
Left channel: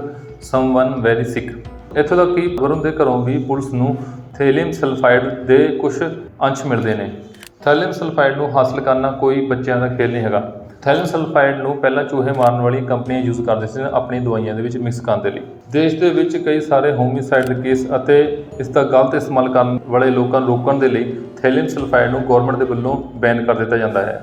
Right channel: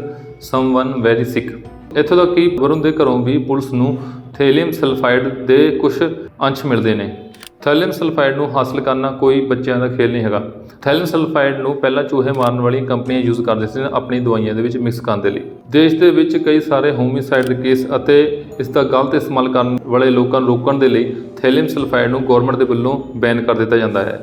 someone very sick ਇੱਥੋਂ ਤੱਕ ਕਿ ਵਰੁਣ ਦੇ ਘਰੋਂ ਵੀ ਪੁਲਿਸ ਨੂੰ ਥੇਲੀਅਮ ਸਲਫਾਈਡ ਦੇ ਕੁਝ ਅੰਸ਼ ਮਿਲਦੇ ਨੇ। ਥੈਲੀਅਮ ਸਲਫਾਈਡ ਨੂੰ ਹਾਸਲ ਕਰਨਾ ਕੋਈ ਬੱਚਿਆਂ ਦਾ ਖੇਲ ਨਹੀਂ ਹੈਗਾ। ਥੈਲੀਅਮ ਸਲਫਾਈਡ ਨੂੰ ਪਹਿਲਾਂ ਚੂਹੇ ਮਾਰਨ ਵਾਲੀਆਂ ਕੰਪਨੀਆਂ ਯੂਜ਼ ਕਰਦੇ ਸੀ, ਆਪਣੀ ਦਵਾਈਆਂ ਦੇ ਵਿੱਚ ਮਿਕਸ ਕਰਨ ਦੇ ਲਈ। ਦੇਸ਼ ਦੇ ਵਿੱਚ ਕਈ ਸਾਰੇ ਹੋਮਿਸਾਈਡ ਦੇ ਕੇਸ ਅਤੇ ਇਸ ਦਾ ਗਲਤ ਇਸਤੇਮਾਲ ਕਰਨ ਵਾਲੇ ਲੋਕਾਂ ਨੂੰ ਰੋਕਣ ਦੇ ਲਈ ਥੈਲੀਅਮ ਸਲਫਾਈਡ ਨੂੰ ਗਵਰਨਮੈਂਟ ਦੇ ਵੱਲੋਂ ਬੈਨ ਕਰ ਦਿੱਤਾ ਜਾਂਦਾ ਹੈ।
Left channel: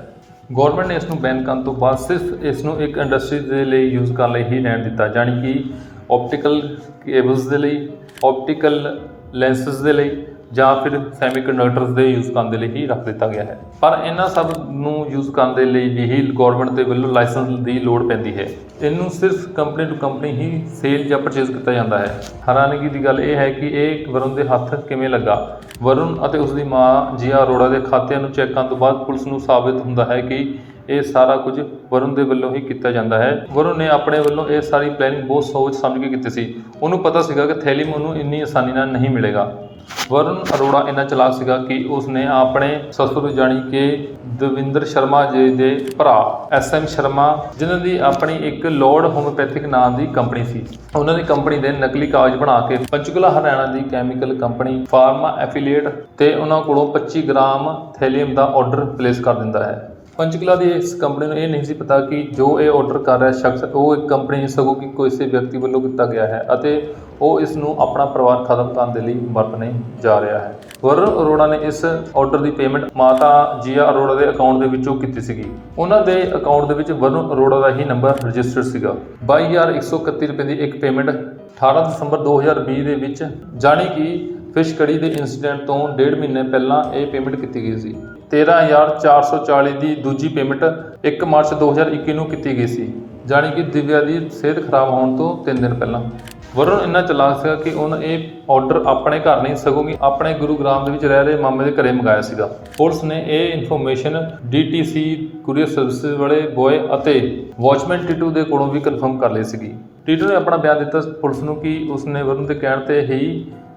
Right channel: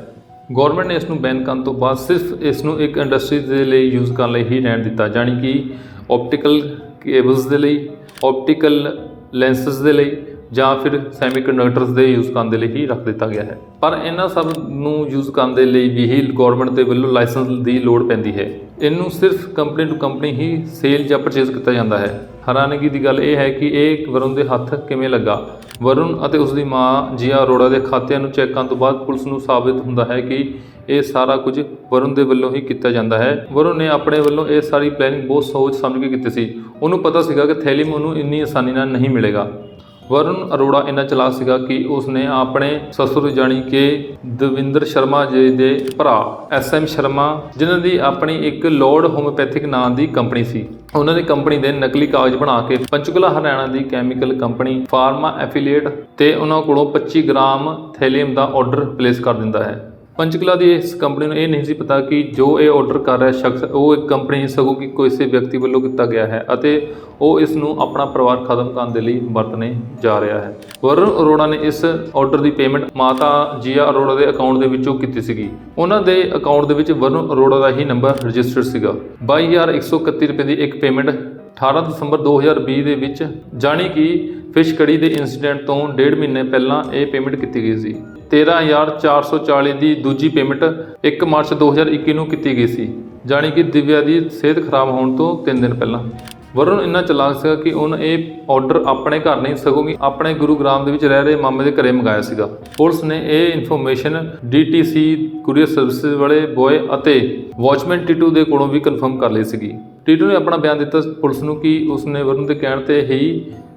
ਗਵਰਨਮੈਂਟ ਨੇ ਇਸ ਨੂੰ ਬੈਨ ਕਰਨ ਤੋਂ ਬਾਅਦ ਸਿਰਫ ਇਸ ਨੂੰ ਇੱਕ ਇੰਡਸਟਰੀ ਦੇ ਲਈ ਯੂਜ਼ ਕਰਨ ਲਈ ਹੀ ਰਹਿਣ ਦਿੱਤਾ, ਜਾਣੀ ਕਿ ਆਪਟੀਕਲ ਕੇਬਲਸ ਦੇ ਲਈ ਆਪਟੀਕਲ ਲੈਂਸਸ ਦੇ ਲਈ ਜਾਂ ਫਿਰ ਸੈਮੀਕੰਡਕਟਰਸ ਦੇ ਯੂਜ਼ ਕਰਨ ਦੇ ਲਈ ਹੀ ਰੱਖ ਦਿੱਤਾ ਗਿਆ ਹੈ। ਪਰ ਇਹਨਾਂ ਸਭ ਨੂੰ ਯੂਜ਼ ਕਰਨ ਦੇ ਲਈ ਵੀ ਹੀ ਗਵਰਨਮੈਂਟ ਦੇ ਵੱਲੋਂ ਲਾਇਸੈਂਸ ਦੀ ਲੋੜ ਪੈਂਦੀ ਹੈ। ਇਹਨੂੰ ਸਿਰਫ ਕੰਪਨੀ ਟੂ ਕੰਪਨੀ ਹੀ ਸੇਲ ਜਾਂ ਪਰਚੇਸ ਕੀਤਾ ਜਾਂਦਾ ਹੈ। ਹੈਰਾਨਗੀ ਦੀ ਗੱਲ ਇਹ ਹੈ ਕਿ ਇਹ ਵਰੁਣ ਦੇ ਹੱਥ ਕਿਵੇਂ ਲੱਗਾ? ਵਰੁਣ ਅਤੇ ਉਸ ਦੀ ਮਾਂ ਜੀਆ ਅਰੋੜਾ ਦੇ ਖਾਤਿਆਂ ਨੂੰ ਚੈੱਕ ਕਰਨ ਤੋਂ ਬਾਅਦ ਪੁਲਿਸ ਨੂੰ ਸਾਬਿਤ ਹੁੰਦਾ ਹੈ ਕਿ ਇਹ ਸਾਰਾ ਕੁਝ ਵਰੁਣ ਦੇ ਵੱਲੋਂ ਹੀ ਕੀਤਾ ਜਾਂਦਾ ਹੈ। ਵਰੁਣ ਨੇ ਆਪਣੇ ਵੱਲੋਂ ਇਹ ਸਾਰੀ ਪਲੈਨਿੰਗ ਬਹੁਤ ਸੋਚ ਸਮਝ ਕੇ ਕੀਤੀ ਸੀ। ਉਹਨੂੰ ਪਤਾ ਸੀਗਾ ਕਿ ਥੈਲੀਮ ਉਹਨੂੰ ਇੰਨੀ ਆਸਾਨੀ ਨਾਲ ਨਹੀਂ ਮਿਲੇਗਾ। ਵਰੁਣ ਅਰੋੜਾ ਇੰਨਾ ਚਲਾ ਸੀਗਾ ਕਿ ਉਸਨੇ ਆਪਣੇ ਸਸੁਰ ਜਾਣੀ ਕਿ ਦਵਿੰਦਰ ਸ਼ਰਮਾ ਜੀ ਦੇ ਭਰਾ ਐਸ ਐਮ ਸ਼ਰਮਾ, ਜਿਨ੍ਹਾਂ ਦੀ ਆਪਣੀ ਇੱਕ ਲੋਰਡ ਹੋਮੋਪੈਥਿਕ ਨਾਂ ਦੀ ਕੰਪਨੀ ਸੀ। ਉਹਨਾਂ ਦੀ ਕੰਪਨੀ ਦੇ ਨਕਲੀ ਕਾਗਜ਼ ਬਣਾ ਕੇ ਪੰਚਕੁਲਾ ਹਰਿਆਣਾ ਦੀ ਕੈਮੀਕਲ ਕੰਪਨੀ ਫਾਰਮਾ ਐਫੀਲੀਏਟ ਤੇ ਉਹਨਾਂ ਕੋਲੋਂ 25 ਗ੍ਰਾਮ ਥੈਲੀਅਮ ਦਾ ਆਰਡਰ ਪਲੇਸ ਕਰ ਦਿੰਦਾ ਹੈ। ਪੰਚਕਲਾ ਦੀ ਇਸ ਕੰਪਨੀ ਨੂੰ ਇਹ ਨਹੀਂ ਸੀ ਪਤਾ ਕਿ ਜੋ ਇਹ ਆਰਡਰ ਕਰ ਰਿਹਾ ਸ਼ਖਸ, ਉਹ ਇੱਕ ਕੰਪਨੀ ਸਗੋਂ ਕਿ ਕਿਸੇ ਵਿਅਕਤੀ ਵੱਲੋਂ ਕੀਤਾ ਗਿਆ ਹੈ ਅਤੇ ਉਹ ਇਸ ਨੂੰ ਆਪਣਾ ਪਰਿਵਾਰ ਖਤਮ ਕਰਨ ਦੇ ਲਈ ਵਰਤਣੇ ਜਾ ਰਿਹਾ ਹੈ। ਵਰੁਣ ਅਰੋੜਾ ਨੇ ਇਸ ਆਰਡਰ ਦੀ ਪੇਮੈਂਟ ਮਾਤਾ ਜੀਆ ਅਰੋੜਾ ਦੇ ਅਕਾਊਂਟ ਦੇ ਵਿੱਚੋਂ ਕੀਤੀ ਸੀਗੀ। ਉਹਨਾਂ ਦੇ ਅਕਾਊਂਟ ਦੇ ਵਿੱਚ ਵਰੁਣ ਅਰੋੜਾ ਦਾ ਹੀ ਨੰਬਰ ਰਜਿਸਟਰਡ ਸੀਗਾ। 22131 ਰੁਪਏ ਦੀ ਇੱਕ ਪੇਮੈਂਟ 18 ਦਸੰਬਰ 2020 ਦੇ ਵਿੱਚ ਜਾਣੀ ਕਿ ਫਿਸ਼ ਕੜੀ ਦੇ ਇਨਸੀਡੈਂਟ ਤੋਂ ਡੇਢ ਮਹੀਨੇ ਪਹਿਲਾਂ ਇਹ ਪੇਮੈਂਟ ਕੀਤੀ ਗਈ ਸੀ। 13440 ਦੀ ਦੂਜੀ ਪੇਮੈਂਟ 1 ਮਾਰਚ 2021 ਨੂੰ ਕੀਤੀ ਗਈ ਸੀ, ਜਾਣੀ ਕਿ ਦਿਵਿਆ ਦੀ ਸਿਹਤ ਖਰਾਬ ਹੋਣ ਤੋਂ 3 ਦਿਨ ਪਹਿਲਾਂ। ਵਰੁਣ ਇੰਨਾ ਚਲਾਕ ਸੀਗਾ ਕਿ ਉਹਨੇ ਇਹ ਆਰਡਰ ਆਪਣੇ ਘਰ ਨਹੀਂ, ਸਗੋਂ ਕਿ ਆਪਣੇ ਗੁਰੂਗ੍ਰਾਮ ਦੇ ਵਿੱਚ ਰਹਿ ਰਹੇ ਮਾਮੇ ਦੇ ਘਰੇ ਮੰਗਾਇਆ ਸੀਗਾ। ਪੁਲਿਸ ਨੇ ਇਹ ਇਨਫੋਰਮੇਸ਼ਨ DTC ਕੁਰੀਅਰ ਸਰਵਿਸਿਜ਼ ਵਾਲੇ ਬੋਏ ਅਤੇ ਵਾਚਮੈਨ ਟਿਟੂ ਦੇ ਕੋਲੋਂ ਵੀ ਕਨਫਰਮ ਕਰ ਲਈ ਸੀਗੀ। ਟਿਟੂ ਨੇ ਆਪਣਾ ਬਿਆਨ ਦਿੱਤਾ ਪੁਲਿਸ ਨੂੰ ਕਿ ਉਸਨੇ ਵਰੁਣ ਦੇ ਕਹਿਣ ਤੇ ਹੀ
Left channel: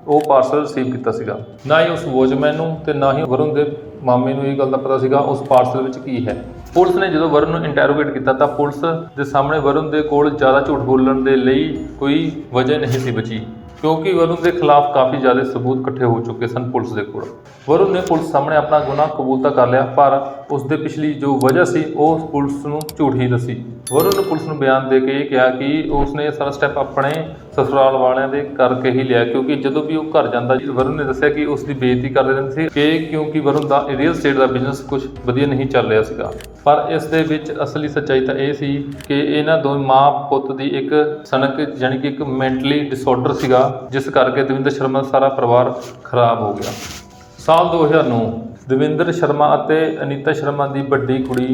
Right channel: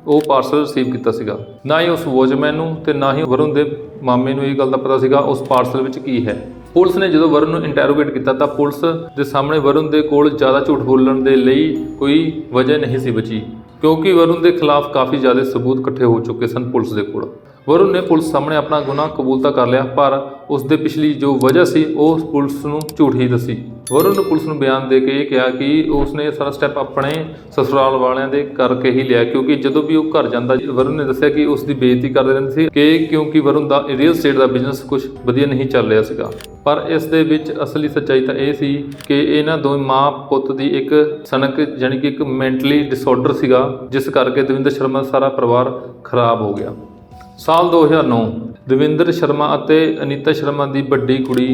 ਉਹ ਪਾਰਸਲ ਰਿਸੀਵ ਕੀਤਾ ਸੀਗਾ। ਨਾ ਹੀ ਉਸ ਵੋਚਮੈਨ ਨੂੰ ਤੇ ਨਾ ਹੀ ਵਰੁਣ ਦੇ ਮਾਮੇ ਨੂੰ ਇਹ ਗੱਲ ਦਾ ਪਤਾ ਸੀਗਾ ਉਸ ਪਾਰਸਲ ਵਿੱਚ ਕੀ ਹੈ। ਪੁਲਿਸ ਨੇ ਜਦੋਂ ਵਰੁਣ ਨੂੰ ਇੰਟਰੋਗੇਟ ਕੀਤਾ ਤਾਂ ਪੁਲਿਸ ਦੇ ਸਾਹਮਣੇ ਵਰੁਣ ਦੇ ਕੋਲ ਜ਼ਿਆਦਾ ਝੂਠ ਬੋਲਣ ਦੇ ਲਈ ਕੋਈ ਵਜ੍ਹਾ ਨਹੀਂ ਸੀ ਬਚੀ, ਕਿਉਂਕਿ ਵਰੁਣ ਦੇ ਖਿਲਾਫ ਕਾਫੀ ਜ਼ਿਆਦਾ ਸਬੂਤ ਇਕੱਠੇ ਹੋ ਚੁੱਕੇ ਸਨ ਪੁਲਿਸ ਦੇ ਕੋਲ। ਵਰੁਣ ਨੇ ਪੁਲਿਸ ਸਾਹਮਣੇ ਆਪਣਾ ਗੁਨਾਹ ਕਬੂਲ ਤਾਂ ਕਰ ਲਿਆ, ਪਰ ਉਸ ਦੇ ਪਿਛਲੀ ਜੋ ਵਜ੍ਹਾ ਸੀ ਉਹ ਪੁਲਿਸ ਨੂੰ ਝੂਠ ਹੀ ਦੱਸੀ। ਵਰੁਣ ਨੇ ਪੁਲਿਸ ਨੂੰ ਬਿਆਨ ਦੇ ਕੇ ਇਹ ਕਿਹਾ ਕਿ ਉਸਨੇ ਇਹ ਸਾਰਾ ਸਟੈਪ ਆਪਣੇ ਸਸੁਰਾਲ ਵਾਲਿਆਂ ਦੇ ਕਰਕੇ ਹੀ ਲਿਆ, ਕਿਉਂਕਿ ਜਦੋਂ ਵੀ ਉਹ ਘਰ ਜਾਂਦਾ ਵਰੁਣ ਨੇ ਦੱਸਿਆ ਕਿ ਉਸ ਦੀ ਬੇਇੱਜ਼ਤੀ ਕਰਦੇ ਰਹਿੰਦੇ ਸੀ ਕਿ ਕਿਉਂਕਿ ਵਰੁਣ ਦਾ ਰੀਅਲ ਸਟੇਟ ਦਾ ਬਿਜ਼ਨਸ ਕੁਝ ਵਧੀਆ ਨਹੀਂ ਚੱਲ ਰਿਹਾ ਸੀਗਾ। ਪਰ ਇਸ ਦੇ ਵਿੱਚ ਅਸਲੀ ਸੱਚਾਈ ਤਾਂ ਇਹ ਸੀ ਕਿ ਇਹਨਾਂ ਦੋਵੇਂ ਮਾਂ ਪੁੱਤ ਦੀ ਇੱਕ ਸਨਕ ਜਾਣੀ ਕਿ ਇੱਕ ਮੈਂਟਲੀ ਡਿਸਆਰਡਰ ਸੀਗਾ, ਜਿਸ ਕਰਕੇ ਦਵਿੰਦਰ ਸ਼ਰਮਾ ਦਾ ਸਾਰਾ ਪਰਿਵਾਰ ਖਰਾਬ ਹੋ ਗਿਆ। ਸਾਲ 2009 ਦਵਿੰਦਰ ਸ਼ਰਮਾ ਅਤੇ ਅਨੀਤਾ ਸ਼ਰਮਾ ਦੀ ਵੱਡੀ ਕੁੜੀ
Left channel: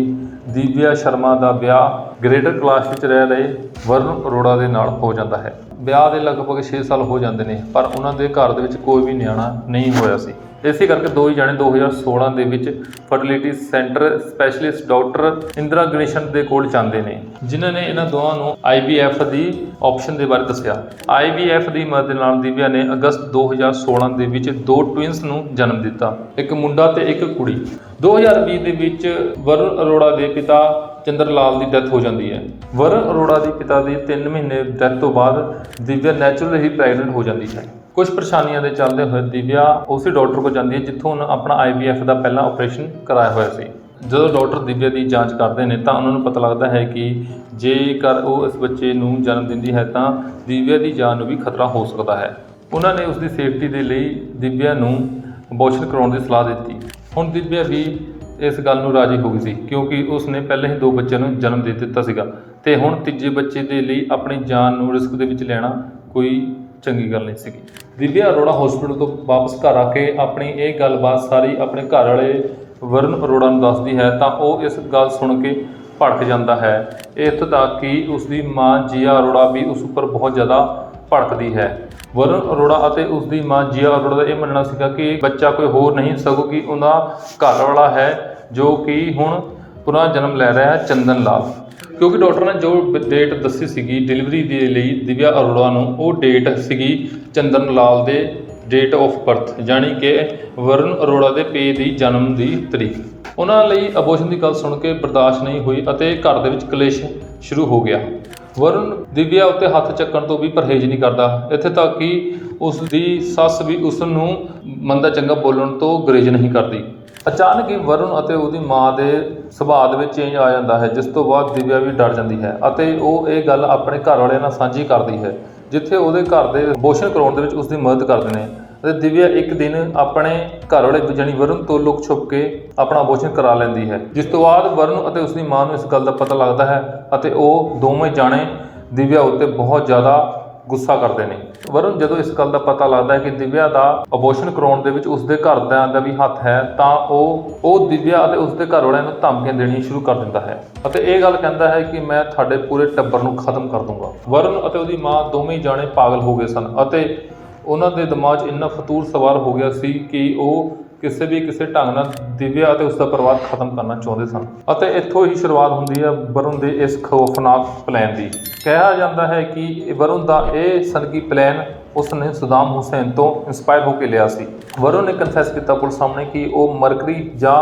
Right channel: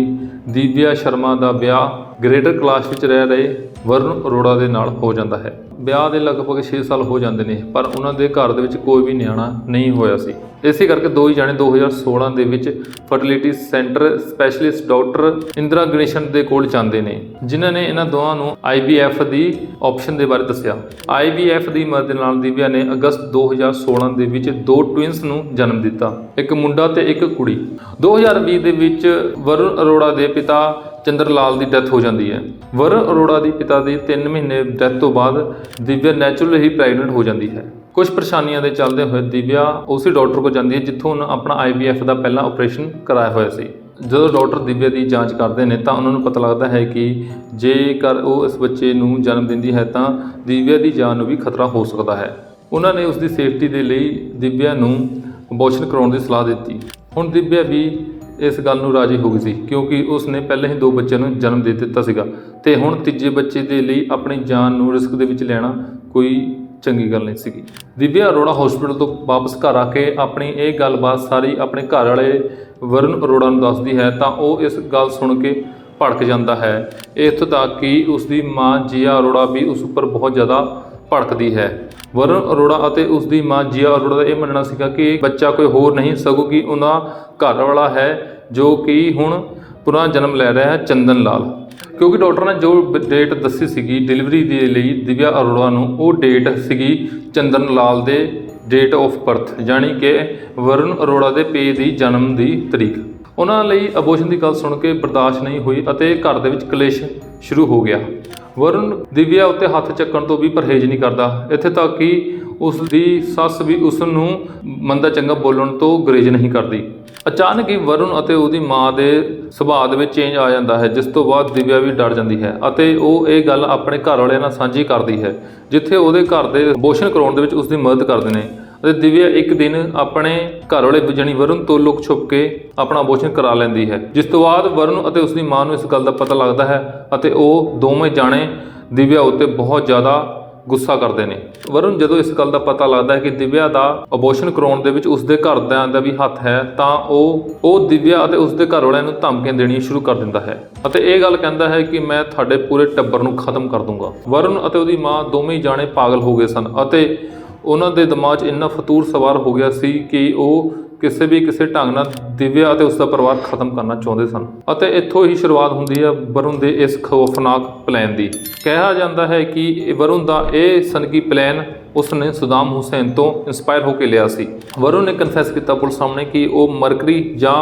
ਦੀਵਿਆ ਸ਼ਰਮਾ ਦਾ ਵਿਆਹ ਗ੍ਰੇਟਰ ਕਲਾਸ ਵਿੱਚ ਰਹਿ ਰਹੇ ਵਰੁਣ ਅਰੋੜਾ ਦੇ ਨਾਲ ਹੋ ਜਾਂਦਾ ਹੈ। ਵਿਆਹ ਦੇ ਲਗਭਗ 6 ਸਾਲ ਹੋ ਜਾਂਦੇ ਨੇ, ਪਰ ਉਹਨਾਂ ਦੇ ਘਰ ਦੇ ਵਿੱਚ ਕੋਈ ਵੀ ਨਿਆਣਾ ਨਹੀਂ ਹੋਇਆ ਸੀ। ਇਸੇ ਕਰਕੇ ਦੋ ਹੀ ਜਾਣੇ 2016 ਦੇ ਵਿੱਚ fertility centre specialist doctor Indira Ganesan ਦੇ ਕੋਲ ਜਾਂਦੇ ਨੇ, ਜਿਨ੍ਹਾਂ ਨੇ ਇਹਨਾਂ ਦੋਵਾਂ ਨੂੰ IVF ਦੀ ਆਪਸ਼ਨ ਦੇ ਬਾਰੇ ਦੱਸਿਆ। IVF ਦੀ ਮਦਦ ਨਾਲ ਦਿਵਿਆ ਨੇ ਅਗਸਤ 2016 ਦੇ ਵਿੱਚ ਦੋ ਟਵਿੰਸ ਨੂੰ ਜਨਮ ਦਿੱਤਾ, ਇੱਕ ਮੁੰਡਾ ਤੇ ਇੱਕ ਕੁੜੀ। 2020 ਦੇ ਵਿੱਚ ਵਰੁਣ ਅਰੋੜਾ ਦੇ ਪਿਤਾ ਚੰਦਰ ਲਾਲ ਦੀ ਡੈਥ ਹੋ ਜਾਂਦੀ ਹੈ। ਵਰੁਣ ਅਰੋੜਾ ਦੀ ਪਿਤਾ ਦੀ 3 ਮਹੀਨੇ ਡੈਥ ਤੋਂ ਬਾਅਦ ਦਿਵਿਆ ਨੈਚੁਰਲ ਹੀ ਪ੍ਰੈਗਨੈਂਟ ਹੋ ਜਾਂਦੀ ਹੈ। ਕੁਝ ਪਰੇਸ਼ਾਨੀਆਂ ਦੇ ਚੱਲਦੇ ਹੋਏ ਦਿਵਿਆ ਉਸੇ ਡਾਕਟਰ ਕੋਲ ਜਾਂਦੀ ਹੈ, ਜਿੱਥੋਂ ਉਹਨੇ ਆਪਣਾ IVF ਦਾ ਪਹਿਲਾ ਆਪਰੇਸ਼ਨ ਕਰਾਇਆ ਹੋਇਆ ਸੀ। ਜਦੋਂ ਡਾਕਟਰ ਦਿਵਿਆ ਦੀ ਜਾਂਚ ਕਰਦੇ ਨੇ ਤਾਂ ਉਹਨਾਂ ਨੂੰ ਪਤਾ ਲੱਗਦਾ ਹੈ ਕਿ ਜੇਕਰ ਉਹ ਇਸ ਬੱਚੇ ਨੂੰ ਜਨਮ ਦਿੰਦੀ ਹੈ ਤਾਂ ਦਿਵਿਆ ਦੀ ਜਾਨ ਨੂੰ ਵੀ ਖਤਰਾ ਹੋ ਸਕਦਾ ਹੈ। ਉਹਨਾਂ ਨੇ ਉਸ ਦੀ ਸੇਫਟੀ ਦੇ ਲਈ ਦਿਵਿਆ ਨੂੰ ਅਬੋਰਸ਼ਨ ਕਰਾਉਣ ਦੀ ਸਲਾਹ ਦਿੱਤੀ। ਹੁਣ ਦਿਵਿਆ ਵੀ ਇਸ ਗੱਲ ਨੂੰ ਰਾਜੀ ਹੋ ਗਈ ਸੀ, ਕਿਉਂਕਿ ਉਸ ਨੇ ਪਹਿਲਾਂ ਹੀ ਦੋ ਬੱਚਿਆਂ ਨੂੰ ਜਨਮ ਦੇ ਦਿੱਤਾ ਸੀਗਾ। ਤੇ ਹੁਣ ਤੀਜੇ ਬੱਚੇ ਦੇ ਲਈ ਆਪਣੀ ਜਾਨ ਨੂੰ ਰਿਸਕ ਦੇ ਵਿੱਚ ਲੈਣਾ ਕੋਈ ਚੰਗੀ ਗੱਲ ਨਹੀਂ ਸੀਗੀ। ਦਿਵਿਆ ਅਰੋੜਾ ਹਸਪੀਟਲ ਤੋਂ ਵਾਪਸ ਘਰ ਆ ਕੇ ਆਪਣੀ ਇਹ ਗੱਲਬਾਤ ਸਾਰੀ ਆਪਣੇ ਘਰ ਵਾਲੇ ਵਰੁਣ ਅਰੋੜਾ ਨੂੰ ਦੱਸਦੀ ਹੈ, ਤਾਂ ਉਹ ਇਸ ਗੱਲ ਸੁਣ ਕੇ ਭੜਕ ਜਾਂਦਾ ਹੈ। ਇੱਥੋਂ ਤੱਕ ਕਿ ਉਸ ਦੀ ਮਾਂ ਜੀਆ ਅਰੋੜਾ ਵੀ ਉਸ ਉੱਪਰ ਬਹੁਤ ਜ਼ਿਆਦਾ ਭੜਕਦੀ ਹੈ। ਵਰੁਣ ਅਰੋੜਾ ਅਤੇ ਉਸ ਦੀ ਮਾਂ ਜੀਆ ਅਰੋੜਾ ਦਾ ਇਹ ਮੰਨਣਾ ਸੀਗਾ ਕਿ ਬੱਚਾ ਕੋਈ ਹੋਰ ਨਹੀਂ, ਸਗੋਂ ਕਿ ਉਹਨਾਂ ਘਰ ਵਾਲਾ ਹੈ ਜੋ ਕਿ ਹੁਣ ਪੁਨः ਜਨਮ ਲੈ ਰਿਹਾ ਹੈ ਚੰਦਨ ਲਾਲ। ਕਿਉਂਕਿ ਡਾਕਟਰ ਨੇ ਜੋ ਡੇਟ ਦੱਸੀ ਸੀਗੀ ਡਿਲੀਵਰੀ ਦੇ ਲਈ ਦਿਵਿਆ ਅਰੋੜਾ ਨੂੰ, ਉਹ ਡੇਟ ਸੀਗੀ ਚੰਦਨ ਲਾਲ ਦੇ ਡੇਟ ਆਫ ਬਰਥ ਯਾਨੀ ਕਿ ਵਰੁਣ ਅਰੋੜਾ ਦੇ ਪੇ ਦੀ ਜਨਮ ਦੀ ਤਰੀਕ। ਉਹਨਾਂ ਲਈ ਅਬੋਸ਼ਨ ਦੀ ਗੱਲ ਸੁਣ ਕੇ ਬਰਦਾਸ਼ਤ ਨਹੀਂ ਹੋਈ ਅਤੇ ਘਰ ਦੇ ਵਿੱਚ ਕਲੇਸ਼ ਸ਼ੁਰੂ ਹੋ ਗਿਆ। ਵਰੁਣ ਦਿਵਿਆ ਉੱਤੇ ਹੱਥ ਚੱਕਣ ਤੋਂ ਵੀ ਪਰਹੇਜ਼ ਨਹੀਂ ਕਰਦਾ। ਇੱਥੇ ਤੱਕ ਕਿ ਉਸ ਦੀ ਸੱਸ ਵੀ ਉਸ ਨੂੰ ਮੰਦਾ ਚੰਗਾ ਬੋਲਣ ਤੋਂ ਗੁਰੇਜ਼ ਨਹੀਂ ਕਰਦੀ। ਅਚਾਨਕ ਹੀ ਵਰੁਣ ਅਤੇ ਉਹਦੀ ਮਾਂ ਦੇ ਸੁਭਾਅ ਦੇ ਵਿੱਚ ਚੇਂਜ ਆ ਜਾਂਦਾ ਹੈ, ਜਿਸ ਤੋਂ ਬਾਅਦ ਦਿਵਿਆ ਵੀ ਡਰ ਜਾਂਦੀ ਹੈ ਅਤੇ ਉਹ ਇਹ ਗੱਲ ਆਪਣੇ ਘਰ ਵਾਲਿਆਂ ਨਾਲ ਸਾਂਝੀ ਕਰਦੀ ਹੈ, ਜਿੱਥੇ ਉਹਦੇ ਘਰ ਦੇ ਅਬੋਰਸ਼ਨ ਕਰਾਉਣ ਦੇ ਵਿੱਚ ਉਸ ਦੀ ਮਦਦ ਕਰਦੇ ਨੇ। ਅਤੇ ਦਿਵਿਆ ਇੱਕ ਦਿਨ ਆਪਣੇ ਘਰ ਵਾਲੇ ਜਾਣੀ ਵਰੁਣ ਤੋਂ ਲੁਕ ਛੁਪ ਕੇ ਆਪਣਾ ਅਬੋਰਸ਼ਨ ਕਰਾ ਲੈਂਦੀ ਹੈ, ਜਿਸ ਤੋਂ ਬਾਅਦ ਵਰੁਣ ਅਤੇ ਉਸ ਦੀ ਮਾਂ ਨੂੰ ਇਸ ਗੱਲ ਦਾ ਪਤਾ ਲੱਗਦਾ ਹੈ ਅਤੇ ਉਹ ਦੋਵੇਂ ਜਾਣੇ ਦਿਵਿਆ ਉੱਤੇ ਬਹੁਤ ਜ਼ਿਆਦਾ ਗੁੱਸਾ ਕਰਦੇ ਨੇ। ਵਰੁਣ, ਜਦੋਂ ਇਸ ਗੱਲ ਦਾ ਪਤਾ ਲੱਗਦਾ ਹੈ ਕਿ ਦਿਵਿਆ ਦਾ ਅਬੋਰਸ਼ਨ ਕਰਾਉਣ ਦੇ ਵਿੱਚ ਉਸਦੇ ਘਰਦਿਆਂ ਦਾ ਵੀ ਹੱਥ ਹੈ, ਤਾਂ ਉਹ ਉਹ ਦਿਵਿਆ ਅਤੇ ਉਸਦੇ ਘਰ ਵਾਲਿਆਂ ਨੂੰ ਧਮਕੀਆਂ ਦੇਣੀਆਂ ਸ਼ੁਰੂ ਕਰ ਦਿੰਦਾ ਹੈ। ਅਤੇ ਇਹ ਗੱਲ ਕਹਿੰਦਾ ਹੈ ਕਿ ਮੈਂ ਤੁਹਾਡੇ ਪੂਰੇ ਟੱਬਰ ਨੂੰ ਖਤਮ ਕਰ ਦੂੰਗਾ। ਵਰੁਣ ਅਤੇ ਉਹਦੀ ਮਾਂ ਦੋਵੇਂ ਹੀ ਜਾਣੇ ਪਾਗਲ ਹੋ ਗਏ ਸਨ ਅਤੇ ਉਹਨਾਂ ਦੇ ਦਿਮਾਗ 'ਚ ਇੰਨਾ ਫਤੂਰ ਸਵਾਰ ਹੋ ਗਿਆ ਸੀ ਕਿ ਉਹ ਕਿਸੇ ਵੀ ਕਿਸੇ ਢੰਗ ਨਾਲ ਦਿਵਿਆ ਅਤੇ ਉਸ ਦਾ ਪਰਿਵਾਰ ਖਤਮ ਕਰਨਾ ਚਾਹੁੰਦੇ ਸਨ। ਅਤੇ ਇੱਥੋਂ ਹੀ ਸ਼ੁਰੂਆਤ ਹੁੰਦੀ ਹੈ ਵਰੁਣ ਦੇ ਇਸ ਖੌਫਨਾਕ ਪਲਾਨ ਦੀ। ਕਿਹਾ ਜਾਂਦਾ ਹੈ ਕਿ ਵਰੁਣ ਦਾ ਇਹ ਸਨਕੀ ਪਲਾਨ ਉਸ ਨੇ ਸੁਦਾਮ ਹੁਸੈਨ ਤੋਂ ਇਨਸਪਾਇਰ ਹੋ ਕੇ ਲਿਆ ਸੀ। ਵਰੁਣ ਨੇ ਕਨਫੈਸ ਕੀਤਾ ਪੁਲਿਸ ਸਾਹਮਣੇ ਕਿ ਉਹ ਮਰਕਰੀ ਜਾਂ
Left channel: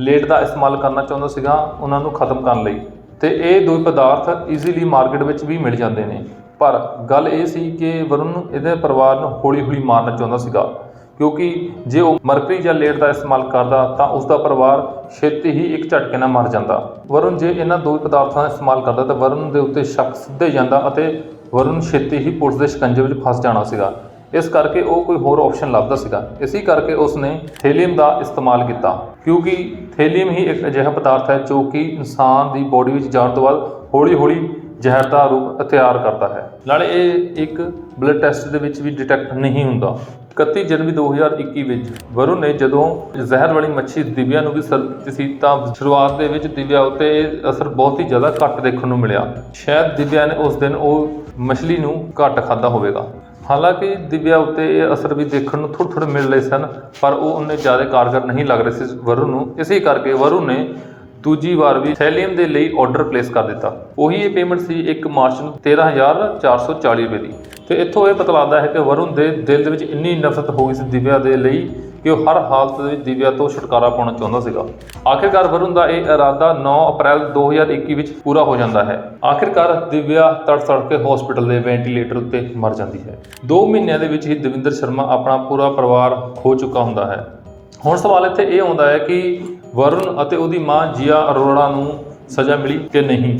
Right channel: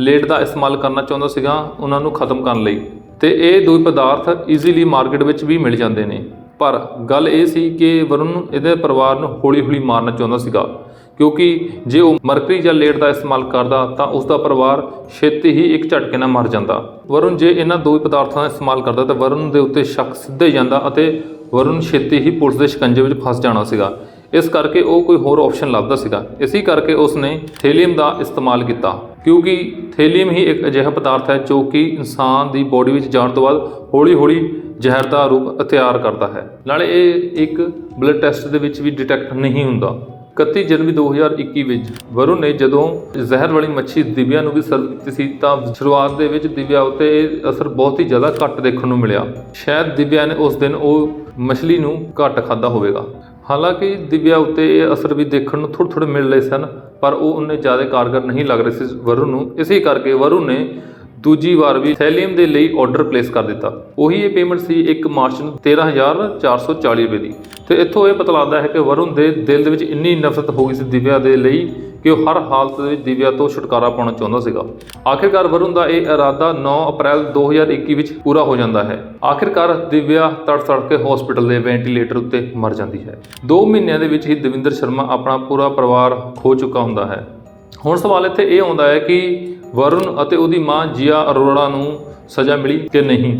ਲੇਡ ਦਾ ਇਸਤੇਮਾਲ ਕਰਨਾ ਚਾਹੁੰਦਾ ਸੀਗਾ ਉਹਨਾਂ ਨੂੰ ਖਤਮ ਕਰਨ ਲਈ। ਤੇ ਇਹ ਦੋ ਪਦਾਰਥ ਈਜ਼ੀਲੀ ਮਾਰਕੀਟ ਵਿੱਚ ਵੀ ਮਿਲ ਜਾਂਦੇ ਨੇ। ਪਰ ਗੱਲ ਇਹ ਸੀ ਕਿ ਵਰੁਣ ਇਹਦੇ ਪਰਿਵਾਰ ਨੂੰ ਹੌਲੀ-ਹੌਲੀ ਮਾਰਨਾ ਚਾਹੁੰਦਾ ਸੀਗਾ। ਕਿਉਂਕਿ ਜੇ ਉਹ ਮਰਕਰੀ ਜਾਂ ਲੇਡ ਦਾ ਇਸਤੇਮਾਲ ਕਰਦਾ ਤਾਂ ਉਸ ਦਾ ਪਰਿਵਾਰ ਛੇਤੀ ਹੀ ਇੱਕ ਝਟਕੇ ਨਾਲ ਮਰ ਜਾਂਦਾ। ਵਰੁਣ ਜੇ ਇਹਨਾਂ ਦੋ ਪਦਾਰਥਾਂ ਦਾ ਇਸਤੇਮਾਲ ਕਰਦਾ ਤਾਂ ਵਰੁਣ ਦੇ ਉੱਤੇ ਸ਼ੱਕ ਸਿੱਧੇ ਜਾਂਦਾ ਅਤੇ ਵਰੁਣ ਛੇਤੀ ਹੀ ਪੁਲਿਸ ਦੇ ਸ਼ਿਕੰਜੇ ਵਿੱਚ ਫਸ ਜਾਣਾ ਸੀਗਾ। ਇਸ ਕਰਕੇ ਉਹ ਕੋਈ ਹੋਰ ਆਪਸ਼ਨ ਲੱਭਦਾ ਸੀਗਾ। ਇਸੇ ਕਰਕੇ ਉਸ ਨੇ ਥੇਲੀਅਮ ਦਾ ਇਸਤੇਮਾਲ ਕੀਤਾ। ਕਿਉਂਕਿ ਥੇਲੀਅਮ ਹੀ ਇੱਕ ਅਜਿਹਾ ਪਦਾਰਥ ਹੈ ਜੋ ਕਿ ਇਨਸਾਨ ਦੀ ਬੋਡੀ ਵਿੱਚ ਜਾਣ ਤੋਂ ਬਾਅਦ ਹੌਲੀ-ਹੌਲੀ ਜ਼ਹਿਰ ਦਾ ਰੂਪ ਅਖਤਿਆਰ ਕਰਦਾ ਹੈ। ਨਾਲੇ ਇਹ ਇੱਕ ਬਲੱਡ ਟੈਸਟ ਦੇ ਵਿੱਚ ਵੀ ਡਿਟੈਕਟ ਨਹੀਂ ਹੁੰਦਾ। 31 ਜਨਵਰੀ 2021 ਵਿੱਚ ਵਰੁਣ ਨੇ ਜਦੋਂ ਜ਼ਹਿਰ ਵਾਲੀ ਮੱਛੀ ਦਿਵਿਆ ਨੂੰ ਵੀ ਸਰਵ ਕੀਤੀ ਸੀ ਤਾਂ ਸ਼ੁਰੂਆਤ ਦੇ ਵਿੱਚ ਦਿਵਿਆ ਉੱਤੇ ਇਹ ਅਸਰ ਬਹੁਤ ਹੀ ਜ਼ਿਆਦਾ ਘੱਟ ਦੇਖਣ ਨੂੰ ਮਿਲਿਆ। ਸ਼ਾਇਦ ਦਿਵਿਆ ਨੇ ਉਸ ਦਿਨ ਉਹ ਮੱਛਲੀ ਨੂੰ ਘੱਟ ਖਾਦਾ ਹੋਵੇਗਾ। ਹਾਲਾਂਕਿ ਦਿਵਿਆ ਉੱਤੇ ਇਹ ਅਸਰ ਵੀ ਦੇਖਣ ਨੂੰ ਥੋੜ੍ਹੇ ਥੋੜ੍ਹੇ ਮਿਲ ਰਹੇ ਸਨ, ਪਰ ਉਹ ਉਹਨੇ ਜ਼ਿਆਦਾ ਕਾਰਗਰ ਨਹੀਂ ਲੱਗ ਰਹੇ ਸੀ ਵਰੁਣ ਨੂੰ। ਇਸੇ ਕਰਕੇ ਵਰੁਣ ਨੇ ਦੂਜੀ ਵਾਰ ਵੀ ਸੈਲੀਅਮ ਦੇ ਲਈ ਆਰਡਰ ਪਲੇਸ ਕਰ ਦਿੱਤਾ। ਉਹੀ ਇਹ ਪੇਮੈਂਟ ਸੀ 1 ਮਾਰਚ ਨੂੰ 13440 ਰੁਪਏ ਦੀ। ਤੇ ਇੱਥੋਂ ਇਹ ਪਤਾ ਲੱਗਦਾ ਹੈ ਕਿ ਵਰੁਣ ਦੇ ਦਿਲ ਦੇ ਵਿੱਚ ਇੰਨੀ ਨਫ਼ਰਤ ਹੋ ਗਈ ਸੀ ਦਿਵਿਆ ਦੇ ਲਈ ਕਿ ਉਹ ਹਰ ਹਾਲਤ ਦੇ ਵਿੱਚ ਦਿਵਿਆ ਤੋਂ ਛੁਟਕਾਰਾ ਪਾਉਣਾ ਚਾਹੁੰਦਾ ਸੀਗਾ। ਆਖਿਰਕਾਰ ਵਰੁਣ ਦਾ ਇਹ ਇਰਾਦਾ 9 ਅਪ੍ਰੈਲ 2021 ਵਿੱਚ ਪੂਰਾ ਹੋ ਜਾਂਦਾ ਹੈ। ਆਖਿਰਕਾਰ ਦਿਵਿਆ ਤੜ ਤੜ ਕੇ ਹਸਪੀਟਲ ਦੇ ਵੈਂਟੀਲੇਟਰ ਉੱਤੇ ਮਰ ਜਾਂਦੀ ਹੈ। 2 ਮਹੀਨਿਆਂ ਦੇ ਵਿੱਚ ਹੀ ਦਵਿੰਦਰ ਸ਼ਰਮਾ ਆਪਣਾ ਪੂਰਾ ਪਰਿਵਾਰ ਖੋ ਚੁੱਕਾ ਹੁੰਦਾ ਹੈ। ਹੁਣ ਸਵਾਲ ਇੱਥੇ ਇਹ ਆਉਂਦਾ ਹੈ ਕਿ ਵਰੁਣ ਅਤੇ ਉਹਦੀ ਮਾਂ ਜੀਆ ਅਰੋੜਾ ਨੂੰ ਸਜ਼ਾ ਮਿਲੀ ਕਿ ਨਹੀਂ?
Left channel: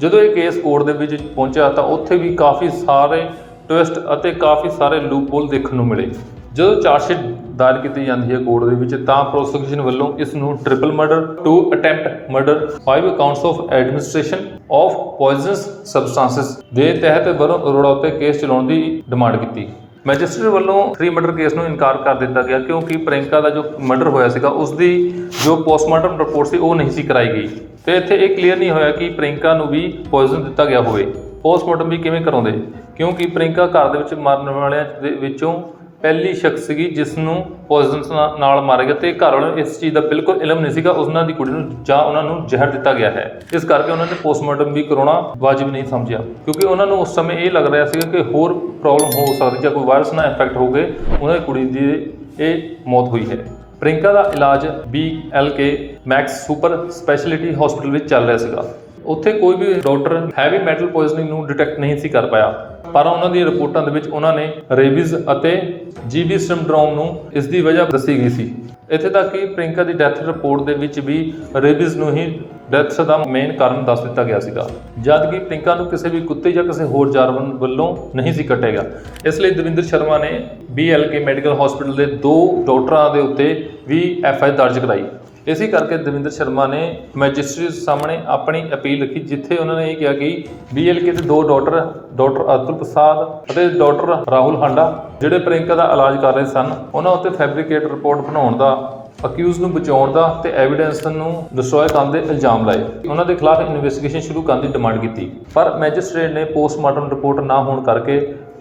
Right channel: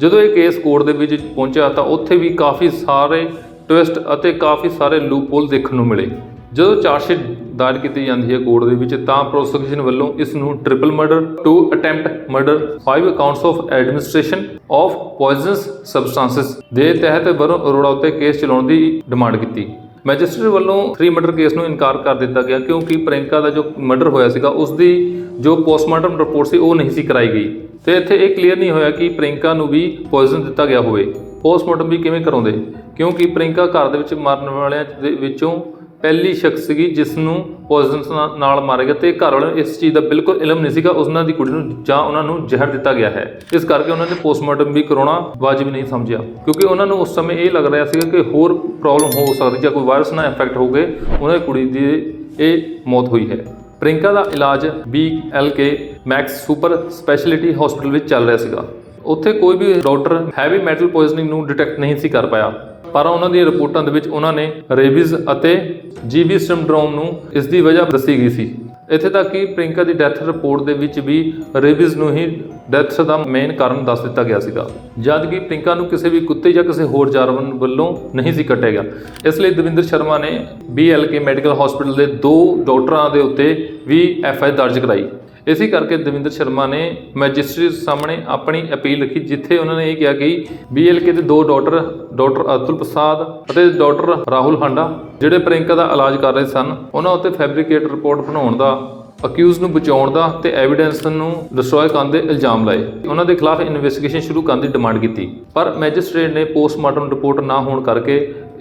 ਜਦੋਂ ਇਹ ਕੇਸ ਕੋਰਟ ਦੇ ਵਿੱਚ ਪਹੁੰਚਿਆ ਤਾਂ ਉੱਥੇ ਵੀ ਕਾਫੀ ਸਾਰੇ ਟਵਿਸਟ ਅਤੇ ਕਾਫੀ ਸਾਰੇ ਲੂਪਹੋਲ ਦੇਖਣ ਨੂੰ ਮਿਲੇ। ਜਦੋਂ ਚਾਰਜਸ਼ੀਟ ਦਾਇਰ ਕੀਤੀ ਜਾਂਦੀ ਹੈ ਕੋਰਟ ਦੇ ਵਿੱਚ ਤਾਂ ਪ੍ਰੋਸੀਕਿਊਸ਼ਨ ਵੱਲੋਂ ਇਸ ਨੂੰ triple murder two attempt murder five accounts of administration of poisonous substances ਦੇ ਤਹਿਤ ਵਰੁਣ ਅਰੋੜਾ ਉੱਤੇ ਕੇਸ ਚਲਾਉਣ ਦੀ ਡਿਮਾਂਡ ਕੀਤੀ। ਮੈਜਿਸਟਰੇਟ ਵੱਲੋਂ ਥ੍ਰੀ ਮਰਡਰ ਕੇਸ ਨੂੰ ਇਨਕਾਰ ਕਰ ਦਿੱਤਾ ਗਿਆ ਕਿਉਂਕਿ ਪ੍ਰਿੰਕਾ ਦਾ ਜੋ ਮਰਡਰ ਹੋਇਆ ਸੀਗਾ ਉਸ ਦੀ ਜੋ ਪੋਸਟਮਾਰਟਮ ਰਿਪੋਰਟ ਸੀ, ਉਹ ਨਹੀਂ ਸੀ ਕਰਾਈ ਗਈ। ਤੇ ਇੱਥੇ ਇਹ ਕਲੀਅਰ ਨਹੀਂ ਹੋਇਆ ਕਿ ਪ੍ਰਿੰਕਾ ਨੂੰ ਵੀ ਪੋਇਜ਼ਨ ਦਿੱਤਾ ਗਿਆ ਹੋਵੇ। ਪੋਸਟਮਾਰਟਮ ਵੀ ਕਿਵੇਂ ਕਰਾਉਂਦੇ? ਕਿਉਂਕਿ ਪ੍ਰਿੰਕਾ ਘਰ ਦੇ ਵਿੱਚ ਮਰਨ ਵਾਲਿਆਂ ਦੇ ਵਿੱਚੋਂ ਪਹਿਲੀ ਸ਼ਖਸ ਸੀਗੀ ਜਿਸ ਨੂੰ ਪੋਇਜ਼ਨਸ ਨਾਲ ਮਾਰਿਆ ਗਿਆ ਤੇ ਘਰ ਵਾਲਿਆਂ ਨੂੰ ਇਸ ਚੀਜ਼ ਦਾ ਬਿਲਕੁਲ ਇਲਮ ਨਹੀਂ ਸੀਗਾ ਉਹਨਾਂ ਦੀ ਕੁੜੀ ਨੂੰ ਜਾਂ ਉਹਨਾਂ ਨੂੰ ਜ਼ਹਿਰ ਦਿੱਤਾ ਗਿਆ ਹੈ। ਇਸ ਕਰਕੇ ਉਹਨਾਂ ਨੇ ਪੋਸਟਮਾਰਟਮ ਵੀ ਕਰਾਉਣਾ ਵਾਜib ਨਹੀਂ ਸਮਝਿਆ, ਕਿਉਂਕਿ ਉਹਨਾਂ ਨੂੰ ਉਸ ਸਮੇਂ ਇਹ ਲੱਗ ਰਿਹਾ ਸੀਗਾ ਕਿ ਹੋਰ ਪ੍ਰੋਬਲਮ ਹੋ ਸਕਦੀ ਜਾਂ ਕੋਈ ਵਾਇਰਸ ਨਾਲ ਇਨਫੈਕਟ ਹੋ ਗਏ ਉਹਨਾਂ ਦੀ ਕੁੜੀ ਦੀ ਇਹ ਮੌਤ ਹੋਈ ਹੈ। ਪ੍ਰਿੰਕਾ ਦਾ ਇਲਾਜ B L K Max super speciality hospital ਵਿੱਚ ਚੱਲ ਰਿਹਾ ਸੀਗਾ। ਉੱਥੇ ਕੋਈ ਵੀ ਡਾਕਟਰ ਹੈਵੀ ਮੈਟਲ ਪੋਇਜ਼ਨਿੰਗ ਨੂੰ ਡਿਟੈਕਟ ਨਹੀਂ ਸੀ ਕਰ ਪਾਇਆ। ਪਰ ਉਹਨਾਂ ਦੀਆਂ ਰਿਪੋਰਟਾਂ ਦੇ ਵਿੱਚ ਉਹਨਾਂ ਨੇ ਰੇਬੀਜ਼ ਅਤੇ ਜੀਬੀ ਸਿੰਡਰੋਮ ਨੂੰ ਇਸ ਦੀ ਵਜ੍ਹਾ ਦੱਸੀ ਗਈ ਸੀ। ਇੱਥੇ ਤੱਕ ਕਿ ਪ੍ਰਿੰਕਾ ਦੀ ਡੈਥ ਰਿਪੋਰਟ ਦੇ ਵਿੱਚ ਵੀ ਰੇਬੀਜ਼ ਨੂੰ ਹੀ ਡੈਥ ਦਾ ਮੇਨ ਕਾਰਨ ਦੱਸ ਦਿੱਤਾ ਗਿਆ ਸੀਗਾ। ਜਦ ਕਿ ਪ੍ਰਿੰਕਾ ਨੂੰ ਕਿਸੇ ਵੀ ਕੁੱਤੇ ਜਾਂ ਕਿਸੇ ਹੋਰ ਜਾਨਵਰ ਵੱਲੋਂ ਨਹੀਂ ਸੀ ਕੱਟਿਆ ਗਿਆ। ਇਸ ਲਈ ਦਵਿੰਦਰ ਸ਼ਰਮਾ ਨੇ BLK ਮੈਡੀਕਲ ਹਸਪੀਟਲ ਦੇ ਦੋ ਡਾਕਟਰਾਂ ਦੇ ਉੱਤੇ ਵੀ ਐਫ ਆਈ ਦਰਜ ਕਰਾਈ। ਇਸੇ ਕਰਕੇ ਦਵਿੰਦਰ ਸ਼ਰਮਾ ਨੇ ਮੈਜਿਸਟ੍ਰੇਟ ਸਾਹਮਣੇ ਆਪਣੀ ਅਪੀਲ ਰੱਖੀ, ਜਿੱਥੇ ਉਹਨਾਂ ਨੇ ਇਹ ਕਿਹਾ ਕਿ BLK ਦੇ ਦੋ ਡਾਕਟਰ ਡਾਕਟਰ ਅਤੁਲ ਪ੍ਰਸਾਦ ਅਤੇ ਡਾਕਟਰ ਰਾਹੁਲ ਹਾਂਡਾ, ਜਿਹੜੇ ਪ੍ਰਿੰਕਾ ਦਾ ਇਲਾਜ ਕਰ ਰਹੇ ਸਨ, ਉਹਨਾਂ ਉੱਤੇ ਫੈਬਰੀਕੇਟ ਰਿਪੋਰਟ ਬਣਾਉਣ ਦਾ ਅਕਿਊਜ਼ ਨੂੰ ਬਚਾਉਣ ਦਾ ਤੇ ਐਵੀਡੈਂਸ ਨੂੰ ਡਿਸਟਰੋਏ ਕਰਨ ਦੇ ਇਲਜ਼ਾਮ ਲਾਏ। ਉਹਨਾਂ ਦੇ ਖਿਲਾਫ ਇਨਵੈਸਟੀਗੇਸ਼ਨ ਸ਼ੁਰੂ ਕਰਨ ਦੀ ਡਿਮਾਂਡ ਕੀਤੀ। ਪਰ ਮੈਜਿਸਟ੍ਰੇਟ ਨੇ ਪੋਸਟਮਾਰਟਮ ਰਿਪੋਰਟ ਨਾ ਹੋਣ ਕਰਕੇ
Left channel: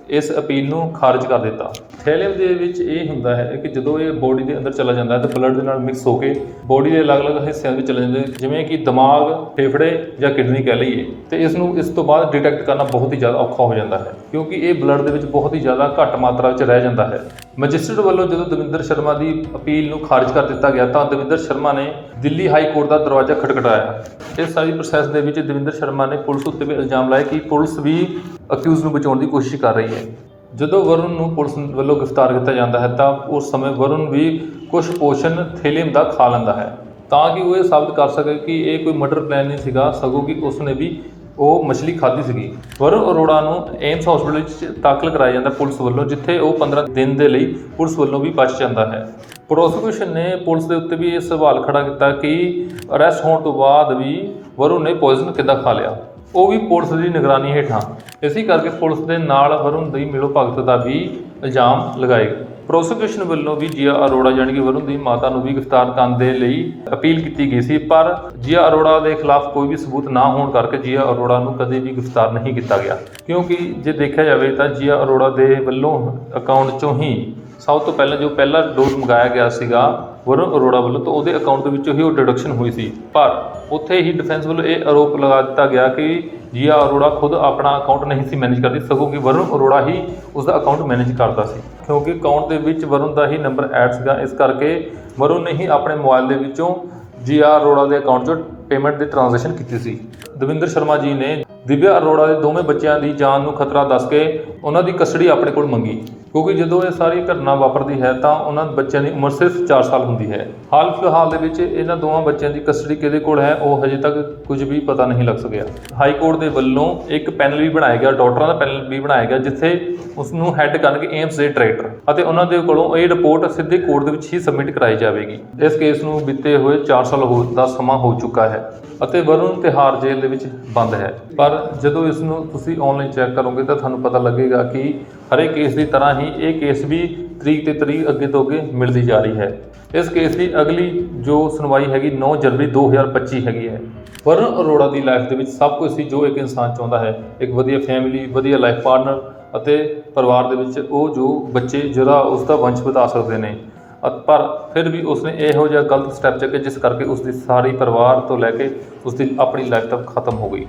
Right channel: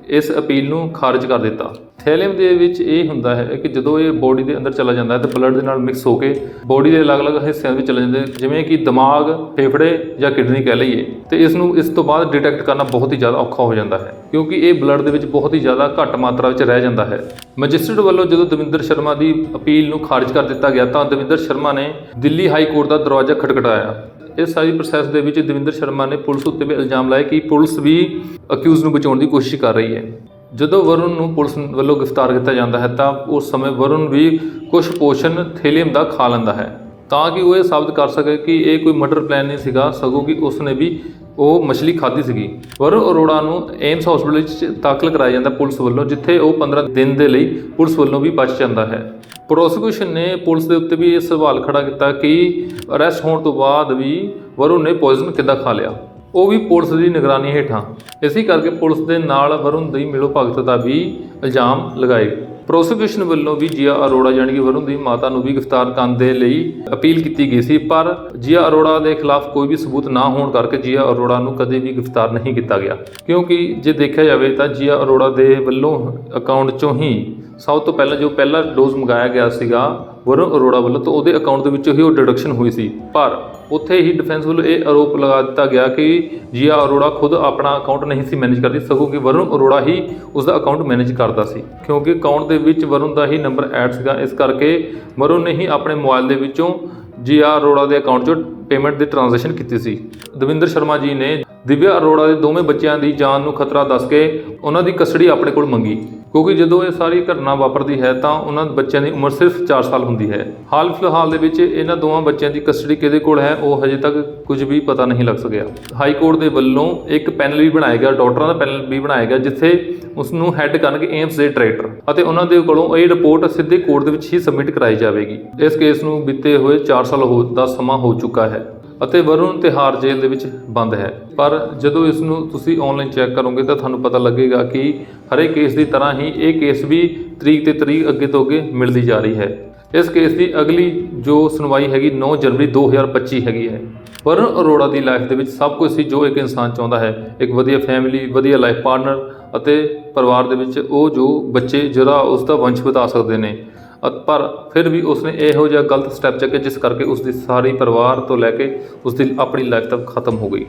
ਇਸ ਅਪੀਲ ਨੂੰ ਖਾਰਜ ਕਰ ਦਿੱਤਾ। ਥੈਲੇਮ ਦੇ ਵਿੱਚ ਇਹ ਹੁੰਦਾ ਹੈ ਕਿ ਜਦੋਂ ਇਹ ਬੋਡੀ ਦੇ ਅੰਦਰ ਚਲਾ ਜਾਂਦਾ ਹੈ ਤੇ ਬਲੱਡ ਦੇ ਨਾਲ ਮਿਕਸ ਹੋ ਕੇ ਬੋਡੀ ਦੇ ਅਲੱਗ-ਅਲੱਗ ਹਿੱਸਿਆਂ ਵਿੱਚ ਚਲਾ ਜਾਂਦਾ ਹੈ ਜਿਵੇਂ ਕਿ ਦਿਮਾਗ, ਫੇਫੜੇ ਜਾਂ ਕਿਡਨੀ ਕਹਿ ਲਈਏ। ਤੇ ਇਸ ਨੂੰ ਇਸ ਤੋਂ ਬਾਅਦ ਡਿਟੈਕਟ ਕਰਨਾ ਬਹੁਤ ਹੀ ਜ਼ਿਆਦਾ ਔਖਾ ਹੋ ਜਾਂਦਾ ਹੈ, ਕਿਉਂਕਿ ਇਹ ਬਲੱਡ ਦੇ ਵਿੱਚ ਬਹੁਤ ਹੀ ਜ਼ਿਆਦਾ ਘੱਟ ਮਾਤਰਾ ਵਿੱਚ ਰਹਿ ਜਾਂਦਾ ਹੈ। ਮੈਜਿਸਟਰੇਟ ਵੱਲੋਂ ਜਦੋਂ ਦਵਿੰਦਰ ਸ਼ਰਮਾ ਦੀ ਅਪੀਲ ਨੂੰ ਖਾਰਜ ਕਰ ਦਿੱਤਾ ਗਿਆ ਤਾਂ ਦਵਿੰਦਰ ਸ਼ਰਮਾ ਨੇ ਦਿੱਲੀ ਹਾਈ ਕੋਰਟ ਦਾ ਦਰਵਾਜ਼ਾ ਖਟਖਟਾਇਆ। ਇਸ ਸਾਰੀ ਪ੍ਰੋਸੈਸ ਦੇ ਵਿੱਚ ਦਵਿੰਦਰ ਸ਼ਰਮਾ ਨੇ ਪੁਲਿਸ ਉੱਤੇ ਵੀ ਇਲਜ਼ਾਮ ਲਾਏ ਕਿ ਪੁਲਿਸ ਵੀ ਅਕਿਊਜ਼ ਨੂੰ ਬਚਾਉਣ ਦੀ ਕੋਸ਼ਿਸ਼ ਕਰ ਰਹੀ ਹੈ। ਜਦੋਂ ਵਰੁਣ ਨੂੰ ਪੁਲਿਸ ਵੱਲੋਂ ਗ੍ਰਿਫਤਾਰ ਕੀਤਾ ਜਾਂਦਾ ਹੈ ਤਾਂ ਉਸ ਸਮੇਂ ਵਰੁਣ ਵੀ ਕੁਝ ਪੋਸ਼ਨ ਥੇਲੀਅਮ ਦਾ ਖਾ ਲੈਂਦਾ ਹੈ। ਤਾਂ ਕਿ ਉਹ ਇਹ ਸਾਬਤ ਕਰ ਸਕੇ ਕਿ ਇਹ ਕੋਈ ਮਰਡਰ ਪਲਾਨ ਨਹੀਂ ਸੀਗਾ, ਸਗੋਂ ਕਿ ਉਸਨੇ ਵੀ ਉਹ ਮਛਲੀ ਖਾਧੀ ਸੀਗੀ। ਵਰੁਣ ਅਰੋੜਾ ਨੂੰ ਏਮਸ ਹਸਪੀਟਲ ਵਿੱਚ ਦਾਖਲ ਕਰਾਇਆ ਜਾਂਦਾ ਪੁਲਿਸ ਵੱਲੋਂ, ਜਿੱਥੇ ਉਹ 15 ਦਿਨ ਦੇ ਲਈ ਪੁਲਿਸ ਵੱਲੋਂ ਵੀ ਬਚ ਜਾਂਦਾ ਹੈ। ਪ੍ਰੋਸੀਕਿਊਸ਼ਨ ਨੇ ਪੁਲਿਸ ਦੇ ਉੱਤੇ ਵੀ ਇਹ ਸਵਾਲ ਖੜਾ ਕੀਤਾ ਕਿ ਅਰੈਸਟ ਹੋਣ ਤੋਂ ਬਾਅਦ ਵੀ ਵਰੁਣ ਨੇ ਪੋਇਜ਼ਨ ਕਿੱਦਾਂ ਖਾ ਲਿਆ। ਉਹ ਵੀ ਪੁਲਿਸ ਦੀ ਨਿਗਰਾਨੀ ਹੇਠਾਂ। ਇਸੇ ਕਰਕੇ ਪੁਲਿਸ ਦੇ ਨਾਲ ਵਰੁਣ ਦੀ ਮਿਲੋ ਭਗਤ ਦਾ ਵੀ ਇਲਜ਼ਾਮ ਲਗਾਏ ਪ੍ਰੋਸੀਕਿਊਸ਼ਨ ਵੱਲੋਂ ਵੀ ਜੀਆ ਅਰੋੜਾ ਯਾਨੀ ਕਿ ਵਰੁਣ ਦੀ ਮਾਤਾ ਨੂੰ ਵੀ ਗ੍ਰਿਫਤਾਰ ਕਰਨ ਦੇ ਲਈ ਅਪੀਲ ਕੀਤੀ ਗਈ ਸੀ, ਪਰ ਜੀਆ ਅਰੋੜਾ ਦੇ ਖਿਲਾਫ ਕੋਈ ਵੀ ਸਬੂਤ ਨਾ ਹੋਣ ਕਰਕੇ ਜੀਆ ਅਰੋੜਾ ਨੂੰ ਕਦੇ ਵੀ ਗ੍ਰਿਫਤਾਰ ਨਹੀਂ ਕੀਤਾ ਗਿਆ। ਕਿਉਂਕਿ ਜੇ ਦੇਖਿਆ ਜਾਵੇ ਤਾਂ ਜੀਆ ਅਰੋੜਾ ਦੇ ਵੱਲੋਂ ਅਕਾਊਂਟ ਚੋਂ ਹੀ ਸਭ ਤੋਂ ਪਹਿਲਾਂ ਜੋ ਪਹਿਲਾ ਡੋਜ਼ ਮੰਗਾਇਆ ਗਿਆ ਸੀਗਾ ਵਰੁਣ ਅਰੋੜਾ ਵੱਲੋਂ ਤਾਂ ਉਹਦੇ ਅਕਾਊਂਟ ਦੇ ਵਿੱਚੋਂ ਹੀ ਉਹ ਡਿਡਕਸ਼ਨ ਹੋਈ ਸੀ। ਪਰ ਉੱਥੇ ਹੀ ਡਿਫੈਂਸ ਵੱਲੋਂ ਇਹ ਆਰੋਪ ਲਗਾ ਦਿੱਤਾ ਗਿਆ ਕਿ ਜੀਆ ਅਰੋੜਾ ਖੁਦ ਆਪਣਾ ਅਕਾਊਂਟ ਨਹੀਂ ਸੀ ਮੈਨੇਜ ਕਰਦੀ, ਸਗੋਂ ਕਿ ਵਰੁਣ ਅਰੋੜਾ ਹੀ ਉਸ ਦਾ ਅਕਾਊਂਟ ਮੈਨੇਜ ਕਰਦਾ ਸੀ। ਕਿਉਂਕਿ ਅਕਾਊਂਟ ਦੇ ਵਿੱਚ ਵਰੁਣ ਦਾ ਹੀ ਨੰਬਰ ਐਡ ਸੀਗਾ, ਇਸ ਕਰਕੇ ਵਰੁਣ ਨੇ ਹੀ ਆਪਣੇ ਮੋਬਾਈਲ ਦੇ ਵਿੱਚੋਂ ਜੀਆ ਅਰੋੜਾ ਦੇ ਅਕਾਊਂਟ 'ਚੋਂ ਪੇਮੈਂਟ ਦੀ ਟ੍ਰਾਂਜੈਕਸ਼ਨ ਕੀਤੀ ਸੀ। ਦਵਿੰਦਰ ਸ਼ਰਮਾ ਜੀ ਨੇ ਦਿਵਿਆ ਅਰੋੜਾ ਦੇ ਦੋਵੇਂ ਬੱਚਿਆਂ ਦੀ ਜਾਨ ਨੂੰ ਖਤਰਾ ਦੱਸ ਕੇ ਉਹਨਾਂ ਦੀ ਕਸਟਡੀ ਆਪਣੇ ਕੋਲ ਮੰਗੀ। ਕਿਉਂਕਿ ਜਦੋਂ ਇਹ ਸਾਰੀ ਘਟਨਾ ਵਾਪਰਦੀ ਹੈ ਤਾਂ ਉਹਨਾਂ ਬੱਚਿਆਂ ਦੀ ਉਮਰ ਸਿਰਫ 4 ਸਾਲ ਹੁੰਦੀ ਹੈ। ਹਾਲ ਫਿਲਹਾਲ ਦੇ ਵਿੱਚ ਇਹਨਾਂ ਦੋਵਾਂ ਬੱਚਿਆਂ ਦੀ ਕਸਟਡੀ ਕਿਹਦੇ ਕੋਲ ਹੈ, ਉਹ ਹਜੇ ਤੱਕ ਕੁਝ ਵੀ ਪਤਾ ਨਹੀਂ ਲੱਗ ਸਕਿਆ। ਹਾਈ ਕੋਰਟ ਦੇ ਵੱਲੋਂ ਇੱਕ ਪੈਨਲ ਵੀ ਬਣਾਇਆ ਗਿਆ, ਡਾਕਟਰਾਂ ਦਾ ਪੈਨਲ ਵੀ ਬਣਾਇਆ ਗਿਆ, ਜਿੱਥੇ ਉਸ ਨੂੰ ਹੈੱਡ ਕਰਨਗੇ ਏਮਸ ਦੇ ਡਾਇਰੈਕਟਰ ਅਤੇ ਉਹਨਾਂ ਦੇ ਕੋਲੋਂ ਇਹ ਰਿਪੋਰਟ ਸਿੱਧੇ ਕੋਰਟ ਦੇ ਵਿੱਚ ਹੀ ਸਬਮਿਟ ਕਰਾਈ ਜਾਵੇਗੀ। ਇਸ ਕੇਸ ਨੂੰ ਬੀਤੇ ਹੋਏ 4 ਸਾਲ ਹੋ, ਦਾ ਸਮਾਂ ਹੋ ਚੁੱਕਾ ਹੈ ਅਤੇ ਵਰੁਣ ਤਿਹਾਰ ਜੇਲ੍ਹ ਦੇ ਵਿੱਚ ਬੰਦ ਹੈ। ਪਰ ਜਦੋਂ ਇਸ ਨੂੰ ਤੁਸੀਂ ਆਨਲਾਈਨ ਚੈੱਕ ਕਰੋਗੇ ਤਾਂ ਤੁਹਾਨੂੰ ਪਤਾ ਲੱਗੇਗਾ ਕਿ ਹਰੇਕ ਕੇਸ ਦੀ ਤਰ੍ਹਾਂ ਹੀ ਇਹ ਕੇਸ ਵੀ ਤਰੀਕ ਤੇ ਤਰੀਕ ਅੱਗੇ ਤੋਂ ਅੱਗੇ ਮਿਲਦੀ ਜਾ ਰਹੀ ਹੈ। ਇਸ ਕੇਸ ਦੀ ਅਗਲੀ ਜੋ ਸੁਣਵਾਈ ਹੈਗੀ 9 ਜਨਵਰੀ 2025 ਹੈਗੀ ਹੈ। ਵਰੁਣ ਅਰੋੜਾ ਦੀ ਲਾਈਫ ਦੇ ਵਿੱਚ ਸਭ ਕੁਝ ਸੀ ਜੋ ਇੱਕ ਇਨਸਾਨ ਚਾਹੁੰਦਾ ਹੈ। ਇੱਕ ਵਧੀਆ ਫੈਮਿਲੀ ਵਧੀਆ ਲਾਈਫ ਪਾਰਟਨਰ ਅਤੇ ਪਰਿਵਾਰ ਦੇ ਵਿੱਚ ਉਹ ਜੋ ਬੱਚੇ ਜਿਹੜਾ ਉਸ ਦਾ ਵੰਸ਼ ਵਧਾ ਸਕਦੇ ਨੇ। ਪਰ ਫਿਰ ਵੀ ਉਸਨੇ ਇਹੋ ਜਿਹਾ ਗਲਤ ਸਟੈਪ ਚੱਕੇ ਜਿਸ ਕਰਕੇ ਉਸ ਦੀ ਸਾਰੀ ਪਰਿਵਾਰ ਤੋਂ ਲੈ ਕੇ ਉਸ ਦੀ ਆਪਣੀ ਲਾਈਫ ਤੱਕ ਖਤਮ ਹੋ ਗਈ।